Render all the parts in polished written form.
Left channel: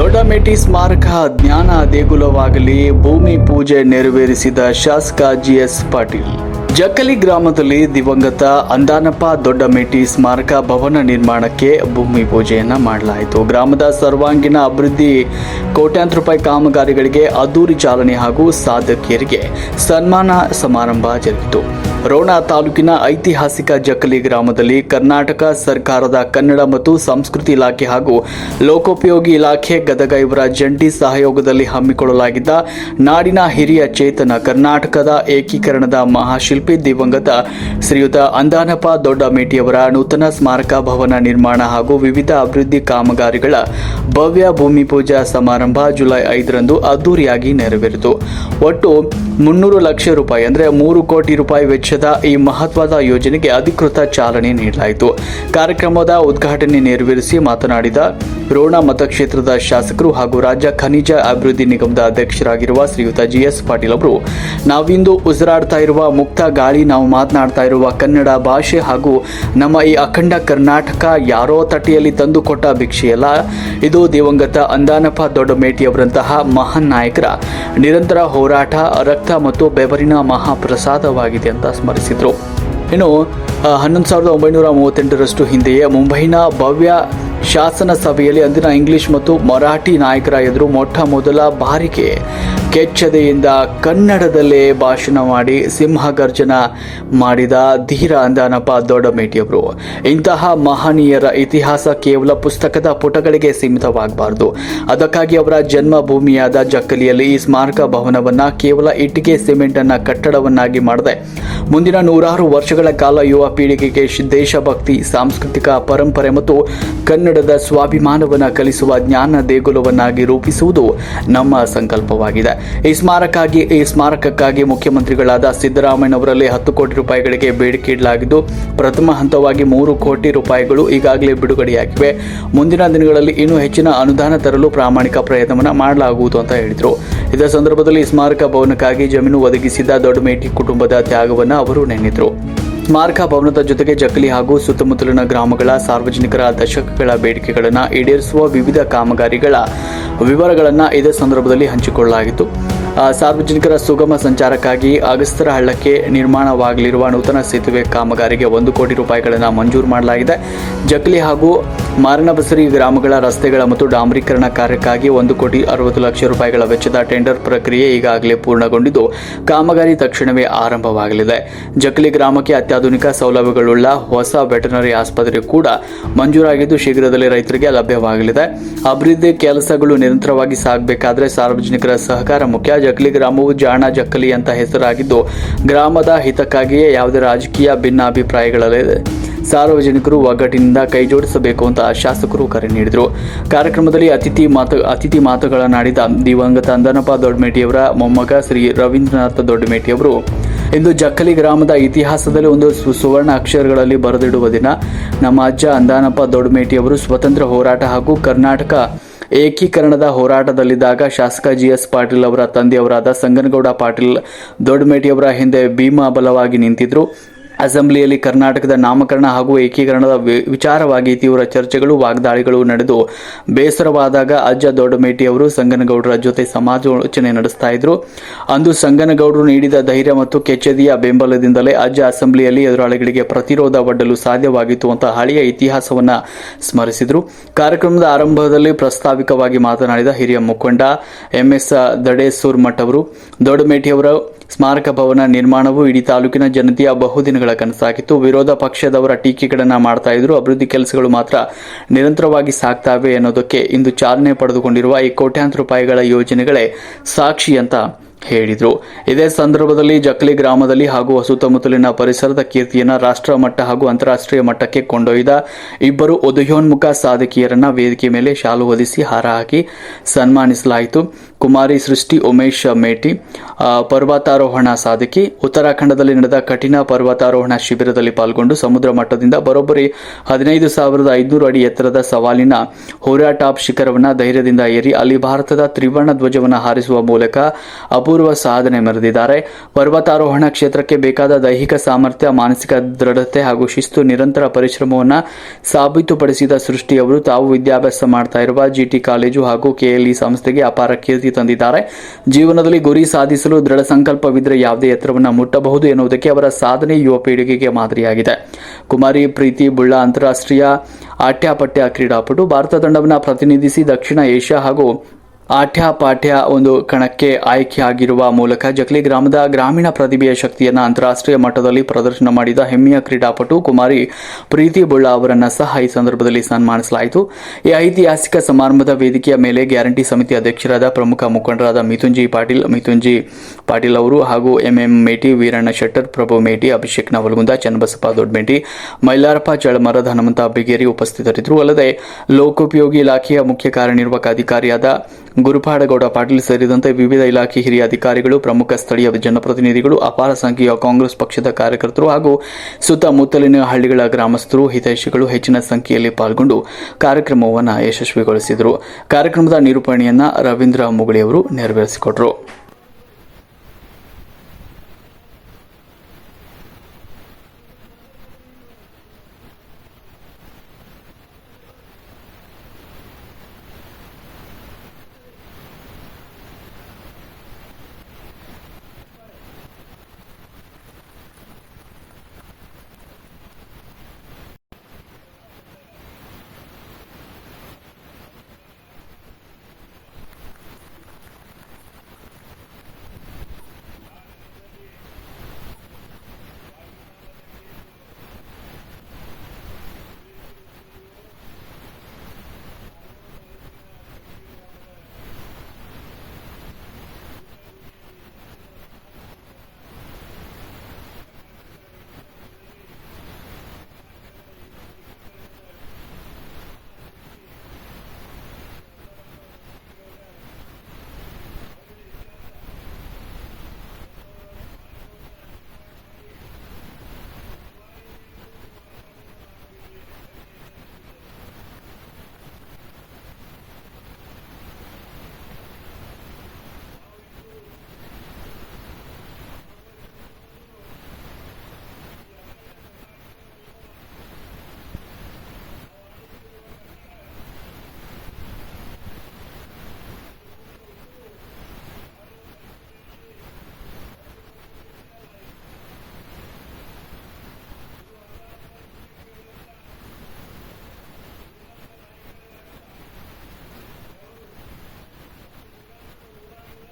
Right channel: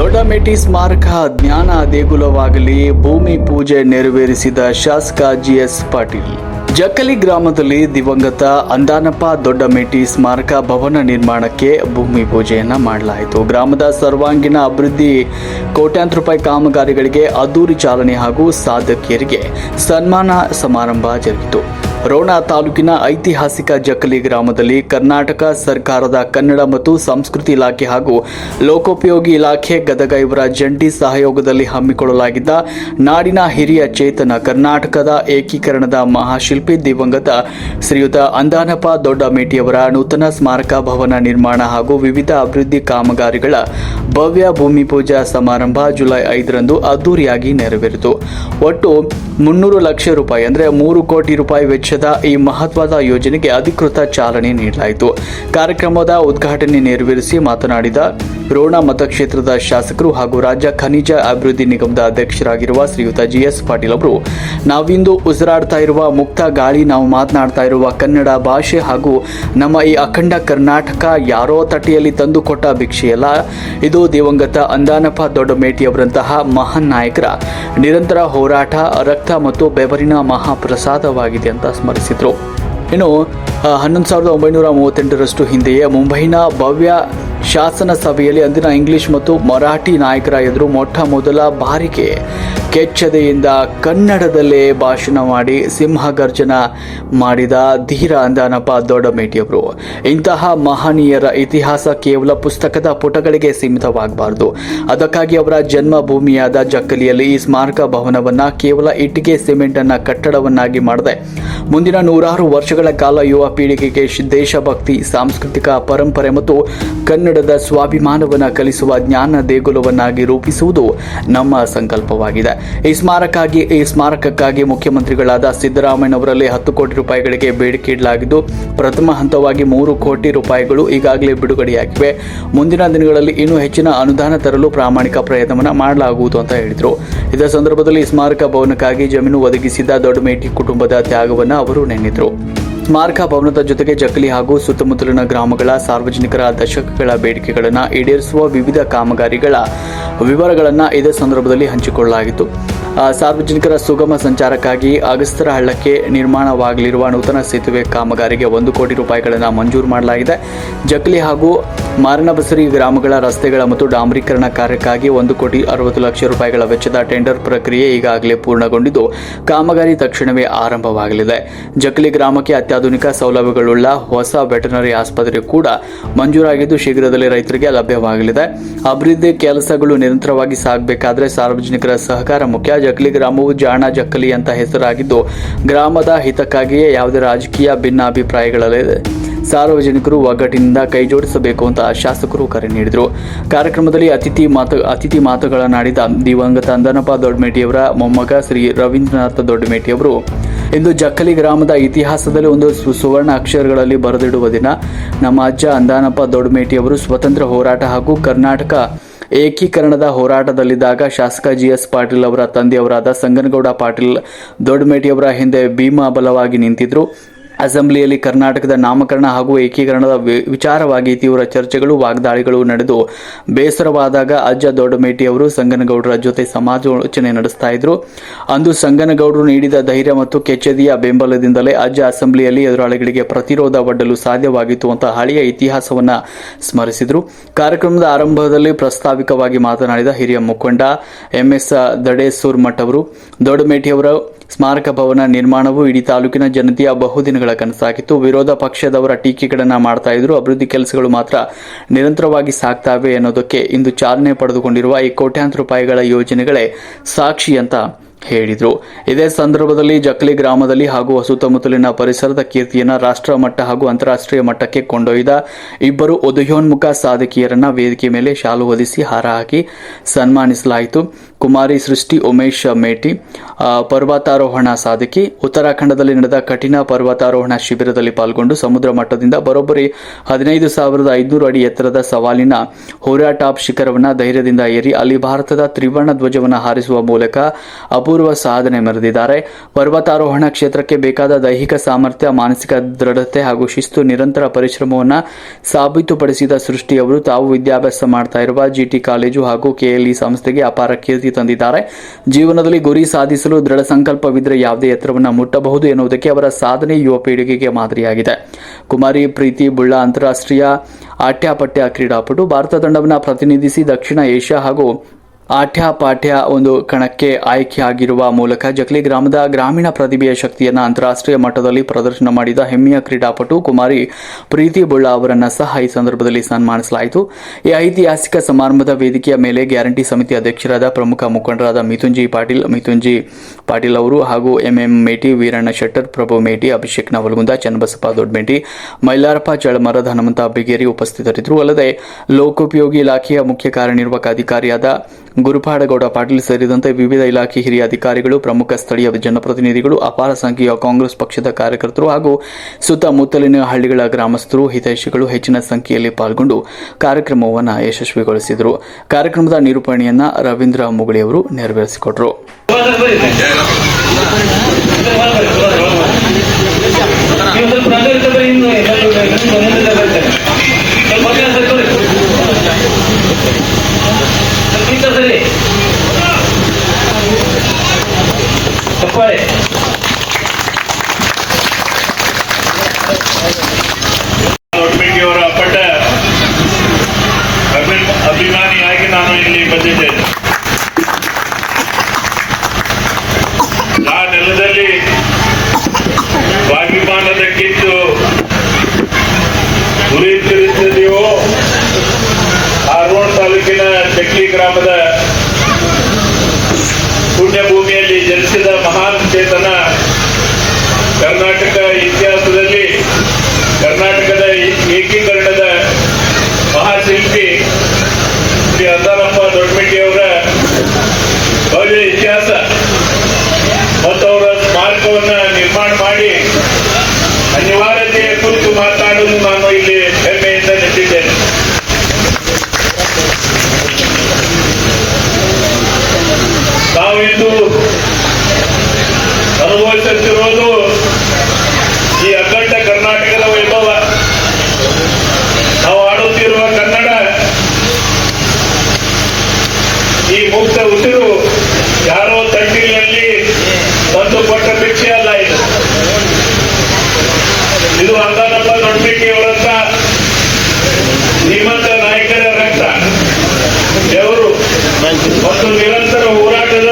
ದೊಡ್ಡಮೇಟಿ ಸ್ಮಾರಕ ಜ್ಞಾನ ದೇಗುಲವಾಗಲಿ ಭೂಮಿ ಪೂಜೆ ನೆರವೇರಿಸಿದ ಶಾಸಕ ಜಿಎಸ್ ಪಾಟೀಲ್. ಜಕ್ಕಲಿ ಗ್ರಾಮದಲ್ಲಿ ದಿವಂಗತ ಅಂದಾನಪ್ಪ ದೊಡ್ಡಮೇಟಿ ಸ್ಮಾರಕ ಭವನ ನಿರ್ಮಾಣಕ್ಕೆ ಭೂಮಿ ಪೂಜೆಯನ್ನ ಮಾಡಲಾಯಿತು. ಗ್ರಾಮದ ಸರ್ವಾಂಗೀಣ ಅಭಿವೃದ್ಧಿ ಕೋಟ್ಯಾಂತರ ರೂಪಾಯಿ ಕಾಮಗಾರಿಗಳಿಗೆ ಅದ್ದೂರಿ ಚಾಲನೆ ಹಾಗೂ ಸಾಧಕಿಯರಿಗೆ ಸನ್ಮಾನ ಸಮಾರಂಭ ಜರುಗಿತು. ರೋಣ ತಾಲೂಕಿನ ಐತಿಹಾಸಿಕ ಜಕ್ಕಲಿ ಗ್ರಾಮದಲ್ಲಿ ಕರ್ನಾಟಕ ಸರ್ಕಾರದ ಕನ್ನಡ ಮತ್ತು ಸಂಸ್ಕೃತಿ ಇಲಾಖೆ ಹಾಗೂ ಲೋಕೋಪಯೋಗಿ ಇಲಾಖೆ ಗದಗ ಇವರ ಜಂಟಿ ಸಹಯೋಗದಲ್ಲಿ ಹಮ್ಮಿಕೊಳ್ಳಲಾಗಿದ್ದ ನಾಡಿನ ಹಿರಿಯ ಚೇತನ ಕರ್ನಾಟಕದ ಏಕೀಕರಣದ ಮಹಾಶಿಲ್ಪಿ ದಿವಂಗತ ಶ್ರೀಯುತ ಅಂದಾನಪ್ಪ ದೊಡ್ಡಮೇಟಿಯವರ ನೂತನ ಸ್ಮಾರಕ ಭವನ ನಿರ್ಮಾಣ ಹಾಗೂ ವಿವಿಧ ಅಭಿವೃದ್ಧಿ ಕಾಮಗಾರಿಗಳ ಭವ್ಯ ಭೂಮಿ ಪೂಜಾ ಸಮಾರಂಭ ಜುಲೈ 5ರಂದು ಅದ್ದೂರಿಯಾಗಿ ನೆರವೇರಿತು. ಒಟ್ಟು 300 ಲಕ್ಷ ರೂಪಾಯಿ ಅಂದರೆ 3 ಕೋಟಿ ರೂಪಾಯಿ ವೆಚ್ಚದ ಈ ಮಹತ್ವದ ಯೋಜನೆಗೆ ಅಧಿಕೃತ ಚಾಲನೆ ನೀಡಲಾಯಿತು. ಕಾರ್ಯಕ್ರಮದ ಉದ್ಘಾಟನೆ ನೆರವೇರಿಸಿ ಮಾತನಾಡಿದ ರೋಣ ಮತಕ್ಷೇತ್ರದ ಶಾಸಕರು ಹಾಗೂ ರಾಜ್ಯ ಖನಿಜ ಅಭಿವೃದ್ಧಿ ನಿಗಮದ ಅಧ್ಯಕ್ಷರಾಗಿರುವ ಶ್ರೀಯುತ ಜಿಎಸ್ ಪಾಟೀಲ್ ಅವರು, ನಾವಿಂದು ಉಸಿರಾಡ್ತಾ ಇರುವ ಮುಕ್ತ ಗಾಳಿ, ನಾವು ಮಾತನಾಡ್ತಾ ಇರುವ ಕನ್ನಡ ಭಾಷೆ ಹಾಗೂ ನಮ್ಮ ಈ ಅಖಂಡ ಕರ್ನಾಟಕ ಯಾರೋ ತಟ್ಟೆಯಲ್ಲಿ ತಂದುಕೊಟ್ಟ ಭಿಕ್ಷೆಯಲ್ಲ, ಇದು ದಿವಂಗತ ಅಂದಾನಪ್ಪ ದೊಡ್ಡಮೇಟಿಯವರಂತಹ ಮಹಾನ್ ನಾಯಕರ ನಿರಂತರ ಹೋರಾಟ, ರಕ್ತ ಮತ್ತು ಬೆವರಿನ ಮಹಾಪ್ರಸಾದವಾಗಿದೆ ಅಂತ ಸ್ಮರಿಸಿದರು. ಇನ್ನು 1938ರಷ್ಟು ಹಿಂದೆಯೇ ಮುಂಬೈನ ಭವ್ಯ ಶಾಸನ ಸಭೆಯಲ್ಲಿ ಅಂದಿನ ಇಂಗ್ಲಿಷ್ ಮತ್ತು ಮರಾಠಿ ನಾಯಕರ ಎದುರು ಮೊಟ್ಟ ಮೊದಲ ಬಾರಿಗೆ ಕೆಚ್ಚದೆಯಿಂದ ಕನ್ನಡದಲ್ಲೇ ಭಾಷಣ ಮಾಡಿ ಸಿಂಹಗರ್ಜನ ಮಾಡಿದ ಧೀರ ಅಂದಾನಪ್ಪ ದೊಡ್ಡಮೇಟಿಯವರು. ಇಂತಹ ಮಹನೀಯರ ಇತಿಹಾಸ ಕೇವಲ ಪುಸ್ತಕದ ಪುಟಗಳಿಗೆ ಸೀಮಿತವಾಗಬಾರದು. ಅದಕ್ಕಾಗಿ ಅವರ ಜನ್ಮಭೂಮಿಯಾದ ಜಕ್ಕಲಿಯಲ್ಲಿ ಈ ಸ್ಮಾರಕ ಭವನವನ್ನ ಕೇವಲ ಇಟ್ಟಿಗೆ ಸಿಮೆಂಟ್ ಅನ್ನ ಕಟ್ಟಡವನ್ನಾಗಿ ಮಾಡದೆ ಮುಂದಿನ 100 ವರ್ಷಗಳ ಕಾಲ ಯುವ ಪೀಳಿಗೆಗೆ ದೇಶಭಕ್ತಿ, ಸಾಂಸ್ಕೃತಿಕ ಪರಂಪರೆ ಮತ್ತು ಕನ್ನಡದ ಸ್ವಾಭಿಮಾನವನ್ನು ಕಲಿಸುವ ಜ್ಞಾನ ದೇಗುಲವನ್ನಾಗಿ ರೂಪಿಸುವುದು ನಮ್ಮ ಸಂಕಲ್ಪವಾಗಿದೆ. ಈ ಸ್ಮಾರಕಕ್ಕಾಗಿ ಮುಖ್ಯಮಂತ್ರಿಗಳಾದ ಸಿದ್ದರಾಮಯ್ಯನವರಲ್ಲಿ 10 ಕೋಟಿ ರೂಪಾಯಿಗಳಿಗೆ ಬೇಡಿಕೆ ಇಡಲಾಗಿದ್ದು, ಪ್ರಥಮ ಹಂತವಾಗಿ 3 ಕೋಟಿ ರೂಪಾಯಿಗಳು ಈಗಾಗಲೇ ಬಿಡುಗಡೆಯಾಗಿವೆ. ಮುಂದಿನ ದಿನಗಳಲ್ಲಿ ಇನ್ನೂ ಹೆಚ್ಚಿನ ಅನುದಾನ ತರಲು ಪ್ರಾಮಾಣಿಕ ಪ್ರಯತ್ನವನ್ನು ಮಾಡಲಾಗುವುದು ಅಂತ ಹೇಳಿದರು. ಇದೇ ಸಂದರ್ಭದಲ್ಲಿ ಸ್ಮಾರಕ ಭವನಕ್ಕಾಗಿ ಜಮೀನು ಒದಗಿಸಿದ ದೊಡ್ಡಮೇಟಿ ಕುಟುಂಬದ ತ್ಯಾಗವನ್ನು ಅವರು ನೆನೆದರು. ಸ್ಮಾರಕ ಭವನದ ಜೊತೆಗೆ ಜಕ್ಕಲಿ ಹಾಗೂ ಸುತ್ತಮುತ್ತಲಿನ ಗ್ರಾಮಗಳ ಸಾರ್ವಜನಿಕರ ದಶಕಗಳ ಬೇಡಿಕೆಗಳನ್ನು ಈಡೇರಿಸುವ ವಿವಿಧ ಕಾಮಗಾರಿಗಳ ವಿವರಗಳನ್ನು ಇದೇ ಸಂದರ್ಭದಲ್ಲಿ ಹಂಚಿಕೊಳ್ಳಲಾಗಿತ್ತು. ಸಾರ್ವಜನಿಕರ ಸುಗಮ ಸಂಚಾರಕ್ಕಾಗಿ ಅಗಸ್ತರ ಹಳ್ಳಕ್ಕೆ ನಿರ್ಮಾಣವಾಗಲಿರುವ ನೂತನ ಸೇತುವೆ ಕಾಮಗಾರಿಗೆ 1 ಕೋಟಿ ರೂಪಾಯಿಗಳನ್ನು ಮಂಜೂರು ಮಾಡಲಾಗಿದೆ. ಜಕ್ಕಲಿ ಹಾಗೂ ಮಾರನಬಸರಿ ಗ್ರಾಮಗಳ ರಸ್ತೆಗಳ ಮತ್ತು ಡಾಂಬರೀಕರಣ ಕಾರ್ಯಕ್ಕಾಗಿ 1,60,00,000 ರೂಪಾಯಿಗಳ ವೆಚ್ಚದ ಟೆಂಡರ್ ಪ್ರಕ್ರಿಯೆ ಈಗಾಗಲೇ ಪೂರ್ಣಗೊಂಡಿದ್ದು, ಕಾಮಗಾರಿ ತಕ್ಷಣವೇ ಆರಂಭವಾಗಲಿದೆ. ಜಕ್ಕಲಿ ಗ್ರಾಮಕ್ಕೆ ಅತ್ಯಾಧುನಿಕ ಸೌಲಭ್ಯಗಳುಳ್ಳ ಹೊಸ ವೆಟರ್ನರಿ ಆಸ್ಪತ್ರೆ ಕೂಡ ಮಂಜೂರಾಗಿದ್ದು, ಶೀಘ್ರದಲ್ಲೇ ರೈತರಿಗೆ ಲಭ್ಯವಾಗಲಿದೆ. ಅಭಿವೃದ್ಧಿ ಕೆಲಸಗಳು ನಿರಂತರವಾಗಿ ಸಾಗಬೇಕಾದರೆ ಸಾರ್ವಜನಿಕರ ಸಹಕಾರ ಮುಖ್ಯ. ಜಕ್ಕಲಿ ಗ್ರಾಮವು ಜಾಣ ಜಕ್ಕಲಿ ಅಂತ ಹೆಸರಾಗಿದ್ದು, ಗ್ರಾಮದ ಹಿತಕ್ಕಾಗಿಯೇ ಯಾವುದೇ ರಾಜಕೀಯ ಭಿನ್ನಾಭಿಪ್ರಾಯಗಳಿದೆ. ಸಾರ್ವಜನಿಕರು ಒಗ್ಗಟ್ಟಿನಿಂದ ಕೈಜೋಡಿಸಬೇಕು ಅಂತ ಶಾಸಕರು ಕರೆ ನೀಡಿದರು. ಕಾರ್ಯಕ್ರಮದಲ್ಲಿ ಅತಿಥಿ ಮಾತುಗಳನ್ನಾಡಿದ ದಿವಂಗತ ಅಂದಾನಪ್ಪ ದೊಡ್ಡಮೇಟಿಯವರ ಮೊಮ್ಮಗ ಶ್ರೀ ರವೀಂದ್ರನಾಥ ದೊಡ್ಡಮೇಟಿಯವರು, ಇಂದು ಜಕ್ಕಲಿ ಗ್ರಾಮದ ಇತಿಹಾಸದಲ್ಲಿ ಒಂದು ಸುವರ್ಣ ಅಕ್ಷರಗಳಲ್ಲಿ ಬರೆದಿಡುವ ದಿನ. ನಮ್ಮ ಅಜ್ಜ ಅಂದಾನಪ್ಪ ದೊಡ್ಡಮೇಟಿಯವರು ಸ್ವಾತಂತ್ರ್ಯ ಹೋರಾಟ ಹಾಗೂ ಕರ್ನಾಟಕ ಏಕೀಕರಣದ ಹೋರಾಟದಲ್ಲಿದ್ದಾಗ ಶಾಸಕ ಜಿಎಸ್ ಪಾಟೀಲ್ ಅವರ ತಂದೆಯವರಾದ ಸಂಗನಗೌಡ ಪಾಟೀಲ್ ದೊಡ್ಡಮೇಟಿಯವರ ಹಿಂದೆ ಭೀಮಬಲವಾಗಿ ನಿಂತಿದ್ರು. ಅಸೆಂಬ್ಲಿಯಲ್ಲಿ ಕರ್ನಾಟಕದ ನಾಮಕರಣ ಹಾಗೂ ಏಕೀಕರಣದ ವಿಚಾರವಾಗಿ ತೀವ್ರ ಚರ್ಚೆಗಳು, ವಾಗ್ದಾಳಿಗಳು ನಡೆದು ಬೇಸರವಾದಾಗ ಅಜ್ಜ ದೊಡ್ಡಮೇಟಿಯವರು ಸಂಗನಗೌಡರ ಜೊತೆ ಸಮಾಲೋಚನೆ ನಡೆಸ್ತಾ ಇದ್ರು. ಅಂದು ಸಂಗನಗೌಡರು ನೀಡಿದ ಧೈರ್ಯ ಮತ್ತು ಕೆಚ್ಚೆದೆಯ ಬೆಂಬಲದಿಂದಲೇ ಅಜ್ಜ ಅಸೆಂಬ್ಲಿಯಲ್ಲಿ ಎದುರಾಳಿಗಳಿಗೆ ಪ್ರತಿರೋಧ ಒಡ್ಡಲು ಸಾಧ್ಯವಾಗಿತ್ತು ಅಂತ ಹಳೆಯ ಇತಿಹಾಸವನ್ನ ಸ್ಮರಿಸಿದರು. ಕಾರ್ಯಕ್ರಮದ ಆರಂಭದಲ್ಲಿ ಪ್ರಾಸ್ತಾವಿಕವಾಗಿ ಮಾತನಾಡಿದ ಹಿರಿಯ ಮುಖಂಡ MS ದಡೇಸೂರ್ ಮಠ್ ಅವರು, ದೊಡ್ಡಮೇಟಿಯವರ ಸ್ಮಾರಕ ಭವನ ನಿರ್ಮಾಣವು ಇಡೀ ತಾಲೂಕಿನ ಜನತೆಯ ಬಹುದಿನಗಳ ಕನಸಾಗಿತ್ತು. ವಿರೋಧ ಪಕ್ಷದವರ ಟೀಕೆಗಳನ್ನು ಮಾಡ್ತಾ ಇದ್ರು. ಅಭಿವೃದ್ಧಿ ಕೆಲಸಗಳು ಮಾತ್ರ ನಿರಂತರವಾಗಿ ಸಾಗ್ತಾವೆ ಅನ್ನೋದಕ್ಕೆ ಇಂದು ಚಾಲನೆ ಪಡೆದುಕೊಂಡಿರುವ ಈ ಕೋಟ್ಯಾಂತರ ರೂಪಾಯಿಗಳ ಯೋಜನೆಗಳೇ ಸಾಕ್ಷಿ ಅಂತ ಹೇಳಿದರು. ಇದೇ ಸಂದರ್ಭದಲ್ಲಿ ಜಕ್ಕಲಿ ಗ್ರಾಮದಲ್ಲಿ ಹಾಗೂ ಸುತ್ತಮುತ್ತಲಿನ ಪರಿಸರದ ಕೀರ್ತಿಯನ್ನು ರಾಷ್ಟ್ರ ಮಟ್ಟ ಹಾಗೂ ಅಂತಾರಾಷ್ಟ್ರೀಯ ಮಟ್ಟಕ್ಕೆ ಕೊಂಡೊಯ್ದ ಇಬ್ಬರು ಉದಯೋನ್ಮುಖ ಸಾಧಕಿಯರನ್ನ ವೇದಿಕೆ ಮೇಲೆ ಶಾಲು ಹೊದಿಸಿ ಹಾರ ಹಾಕಿ ಸನ್ಮಾನಿಸಲಾಯಿತು. ಕುಮಾರಿ ಸೃಷ್ಟಿ ಉಮೇಶ್ ಮೇಟಿ ಪರ್ವತಾರೋಹಣ ಸಾಧಕಿ ಉತ್ತರಾಖಂಡದಲ್ಲಿ ನಡೆದ ಕಠಿಣ ಪರ್ವತಾರೋಹಣ ಶಿಬಿರದಲ್ಲಿ ಪಾಲ್ಗೊಂಡು ಸಮುದ್ರ ಮಟ್ಟದಿಂದ ಬರೋಬ್ಬರಿ 15,500 ಅಡಿ ಎತ್ತರದ ಸವಾಲಿನ ಹೋರಾ ಟಾಪ್ ಶಿಖರವನ್ನು ಧೈರ್ಯದಿಂದ ಏರಿ ಅಲ್ಲಿ ಭಾರತದ ತ್ರಿವರ್ಣ ಧ್ವಜವನ್ನು ಹಾರಿಸುವ ಮೂಲಕ ಅಪೂರ್ವ ಸಾಧನೆ ಮೆರೆದಿದ್ದಾರೆ. ಪರ್ವತಾರೋಹಣ ಕ್ಷೇತ್ರಕ್ಕೆ ಬೇಕಾದ ದೈಹಿಕ ಸಾಮರ್ಥ್ಯ, ಮಾನಸಿಕ ದೃಢತೆ ಹಾಗೂ ಶಿಸ್ತು, ನಿರಂತರ ಪರಿಶ್ರಮವನ್ನು ಸಾಬೀತುಪಡಿಸಿದ ಸೃಷ್ಟಿಯವರು ತಾವು ವಿದ್ಯಾಭ್ಯಾಸ ಮಾಡ್ತಾ ಇರುವ ಜಿಟಿ ಕಾಲೇಜು ಹಾಗೂ ಕೆಎಲ್ಇ ಸಂಸ್ಥೆಗೆ ಅಪಾರ ಕೀರ್ತಿ ತಂದಿದ್ದಾರೆ. ಜೀವನದಲ್ಲಿ ಗುರಿ ಸಾಧಿಸಲು ದೃಢ ಸಂಕಲ್ಪವಿದ್ದರೆ ಯಾವುದೇ ಎತ್ತರವನ್ನು ಮುಟ್ಟಬಹುದು ಎನ್ನುವುದಕ್ಕೆ ಅವರ ಸಾಧನೆ ಯುವ ಪೀಳಿಗೆಗೆ ಮಾದರಿಯಾಗಿದೆ. ಕುಮಾರಿ ಪ್ರೀತಿ ಬುಳ್ಳಾ ಅಂತಾರಾಷ್ಟ್ರೀಯ ಆಟ್ಯಪಾಟ್ಯ ಕ್ರೀಡಾಪಟು. ಭಾರತ ತಂಡವನ್ನು ಪ್ರತಿನಿಧಿಸಿ ದಕ್ಷಿಣ ಏಷ್ಯಾ ಹಾಗೂ ಆಟ್ಯಪಾಟ್ಯ ಒಂದು ಕಣಕ್ಕೆ ಆಯ್ಕೆಯಾಗಿರುವ ಮೂಲಕ ಜಕ್ಲಿ ಗ್ರಾಮದ ಗ್ರಾಮೀಣ ಪ್ರತಿಭೆಯ ಶಕ್ತಿಯನ್ನು ಅಂತಾರಾಷ್ಟ್ರೀಯ ಮಟ್ಟದಲ್ಲಿ ಪ್ರದರ್ಶನ ಮಾಡಿದ ಹೆಮ್ಮೆಯ ಕ್ರೀಡಾಪಟು ಕುಮಾರಿ ಪ್ರೀತಿ ಬುಳ್ಳಾ ಅವರನ್ನು ಸಹ ಈ ಸಂದರ್ಭದಲ್ಲಿ ಸನ್ಮಾನಿಸಲಾಯಿತು. ಈ ಐತಿಹಾಸಿಕ ಸಮಾರಂಭದ ವೇದಿಕೆಯ ಮೇಲೆ ಗ್ಯಾರಂಟಿ ಸಮಿತಿ ಅಧ್ಯಕ್ಷರಾದ ಪ್ರಮುಖ ಮುಖಂಡರಾದ ಮಿಥುನ್ಜಿ ಪಾಟೀಲ್ ಅವರು ಹಾಗೂ ಎಂಎಂ ಮೇಟಿ, ವೀರಣ್ಣ ಶೆಟ್ಟರ್, ಪ್ರಭು ಮೇಟಿ, ಅಭಿಷೇಕ್ ನವಲಗುಂದ, ಚನ್ನಬಸಪ್ಪ ದೊಡ್ಡಮೇಟಿ, ಮೈಲಾರಪ್ಪ ಚಳಮರದ, ಹನುಮಂತ ಬಿಗೇರಿ ಉಪಸ್ಥಿತರಿದ್ದರು. ಅಲ್ಲದೆ ಲೋಕೋಪಯೋಗಿ ಇಲಾಖೆಯ ಮುಖ್ಯ ಕಾರ್ಯನಿರ್ವಾಹಕ ಅಧಿಕಾರಿಯಾದ ಗುರುಪಾಡಗೌಡ ಪಾಟೀಲ್ ಸೇರಿದಂತೆ ವಿವಿಧ ಇಲಾಖೆ ಹಿರಿಯ ಅಧಿಕಾರಿಗಳು, ಪ್ರಮುಖ ಸ್ಥಳೀಯ ಜನಪ್ರತಿನಿಧಿಗಳು, ಅಪಾರ ಸಂಖ್ಯೆಯ ಕಾಂಗ್ರೆಸ್ ಪಕ್ಷದ ಕಾರ್ಯಕರ್ತರು ಹಾಗೂ ಸುತ್ತಮುತ್ತಲಿನ ಹಳ್ಳಿಗಳ ಗ್ರಾಮಸ್ಥರು, ಹಿತೈಷಿಗಳು ಹೆಚ್ಚಿನ ಸಂಖ್ಯೆಯಲ್ಲಿ ಪಾಲ್ಗೊಂಡು ಕಾರ್ಯಕ್ರಮವನ್ನು ಯಶಸ್ವಿಗೊಳಿಸಿದರು. ಕಾರ್ಯಕ್ರಮದ ನಿರೂಪಣೆಯನ್ನ ರವೀಂದ್ರ ಮುಗುಳಿ ಅವರು ನೆರವೇರಿಸಿಕೊಟ್ಟರು. ದೊಡ್ಡಮೇಟಿಯವರ ಪಟ್ಟ ಅಭಿಮಾನಿಯಾಗಿ ನಾನು ಇಲ್ಲಿ ಬಂದಿದ್ದೇನೆ. ಆ ನೆಲದಲ್ಲಿ ಸ್ವಾಭಿಮಾನದ ಕಿತ್ತು ಉರಿಯುತ್ತಿರುತ್ತದೆಯೋ ಆರೋಣ ತಾಲೂಕಿನ ಜಕ್ಲಿ ಗ್ರಾಮದ ಪುಣ್ಯಭೂಮಿಯಲ್ಲಿ ಜನಿಸಿದ ಮಹಾನ್ ಚೇತನ ಕರ್ನಾಟಕ ಇತಿಹಾಸದಲ್ಲಿ ಕರ್ನಾಟಕದ ಏಕೀಕರಣದ ಮಹಾಶಿಲ್ಪಿ ಶ್ರೀ ಅಂದಾರಪ್ಪ ದೊಡ್ಡಮೇಟಿಯವರ ಭವ್ಯ ಇತಿಹಾಸ ಮತ್ತು ಅವರ ಸ್ಮಾರಕವನ್ನು ನಿರ್ಮಾಣ ಮಾಡಿ ಅನಿವಾರ್ಯತೆಯ ಕುರಿತು ಮಾತನಾಡಲು ನಾನು ಇಲ್ಲಿ ಹೆಮ್ಮೆಯಿಂದ ನಿಂತಿದ್ದೇನೆ. ನಾವು ಇಂದು ಅನುಭವಿಸುತ್ತಿರುವುದು ಈ ಅಖಂಡ ಕರ್ನಾಟಕದ ವೈಭವ. ನಾವು ಆಡುತ್ತಿರುವ ಕನ್ನಡ, ಈ ಮುಕ್ತ ಉಸಿರು ಯಾರೋ ತಂಡಿನಲ್ಲಿ ತಂದು ಕೊಟ್ಟ ಭಿಕ್ಷೆ ಅಲ್ಲ. ಇದು ಅಂದಾರಪ್ಪ ದೊಡ್ಡಮೇಟಿಯವರಂತ ಶ್ರೀಮಂತ ನಾಯಕರ ರಕ್ತ, ಬೆವರು ಮತ್ತು ನಿರಂತರ ಹೋರಾಟದ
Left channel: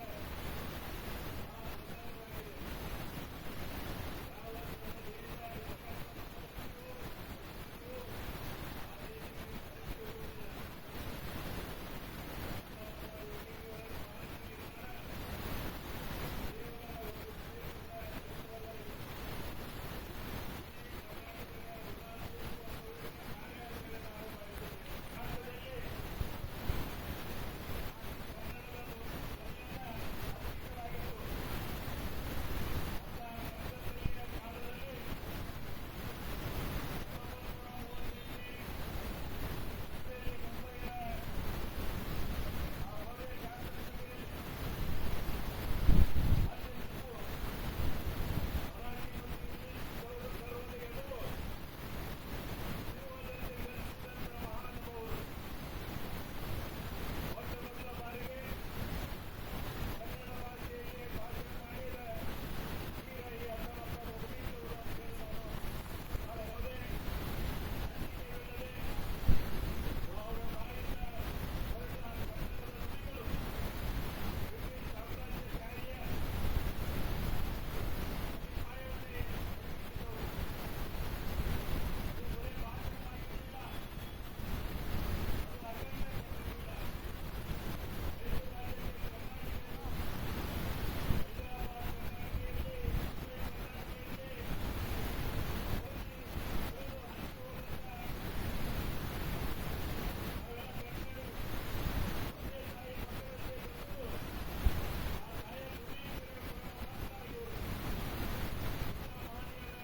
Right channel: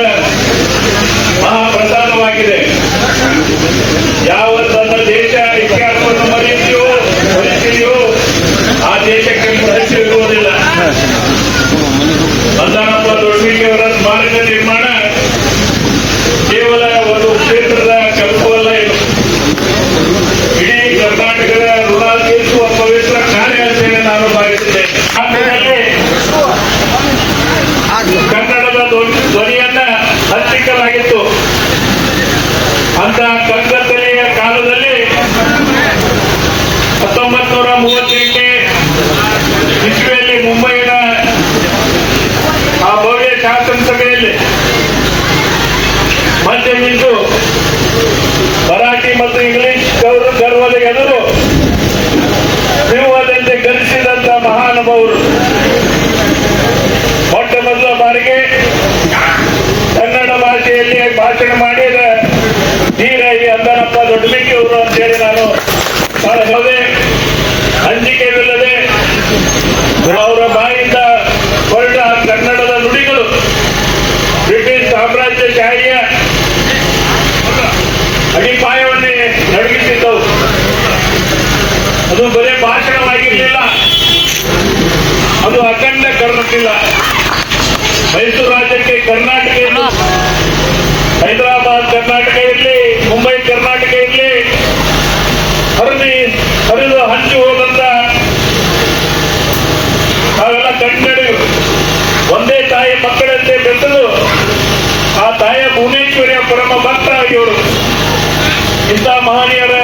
ಇಂಥ ಮಹನೀಯರ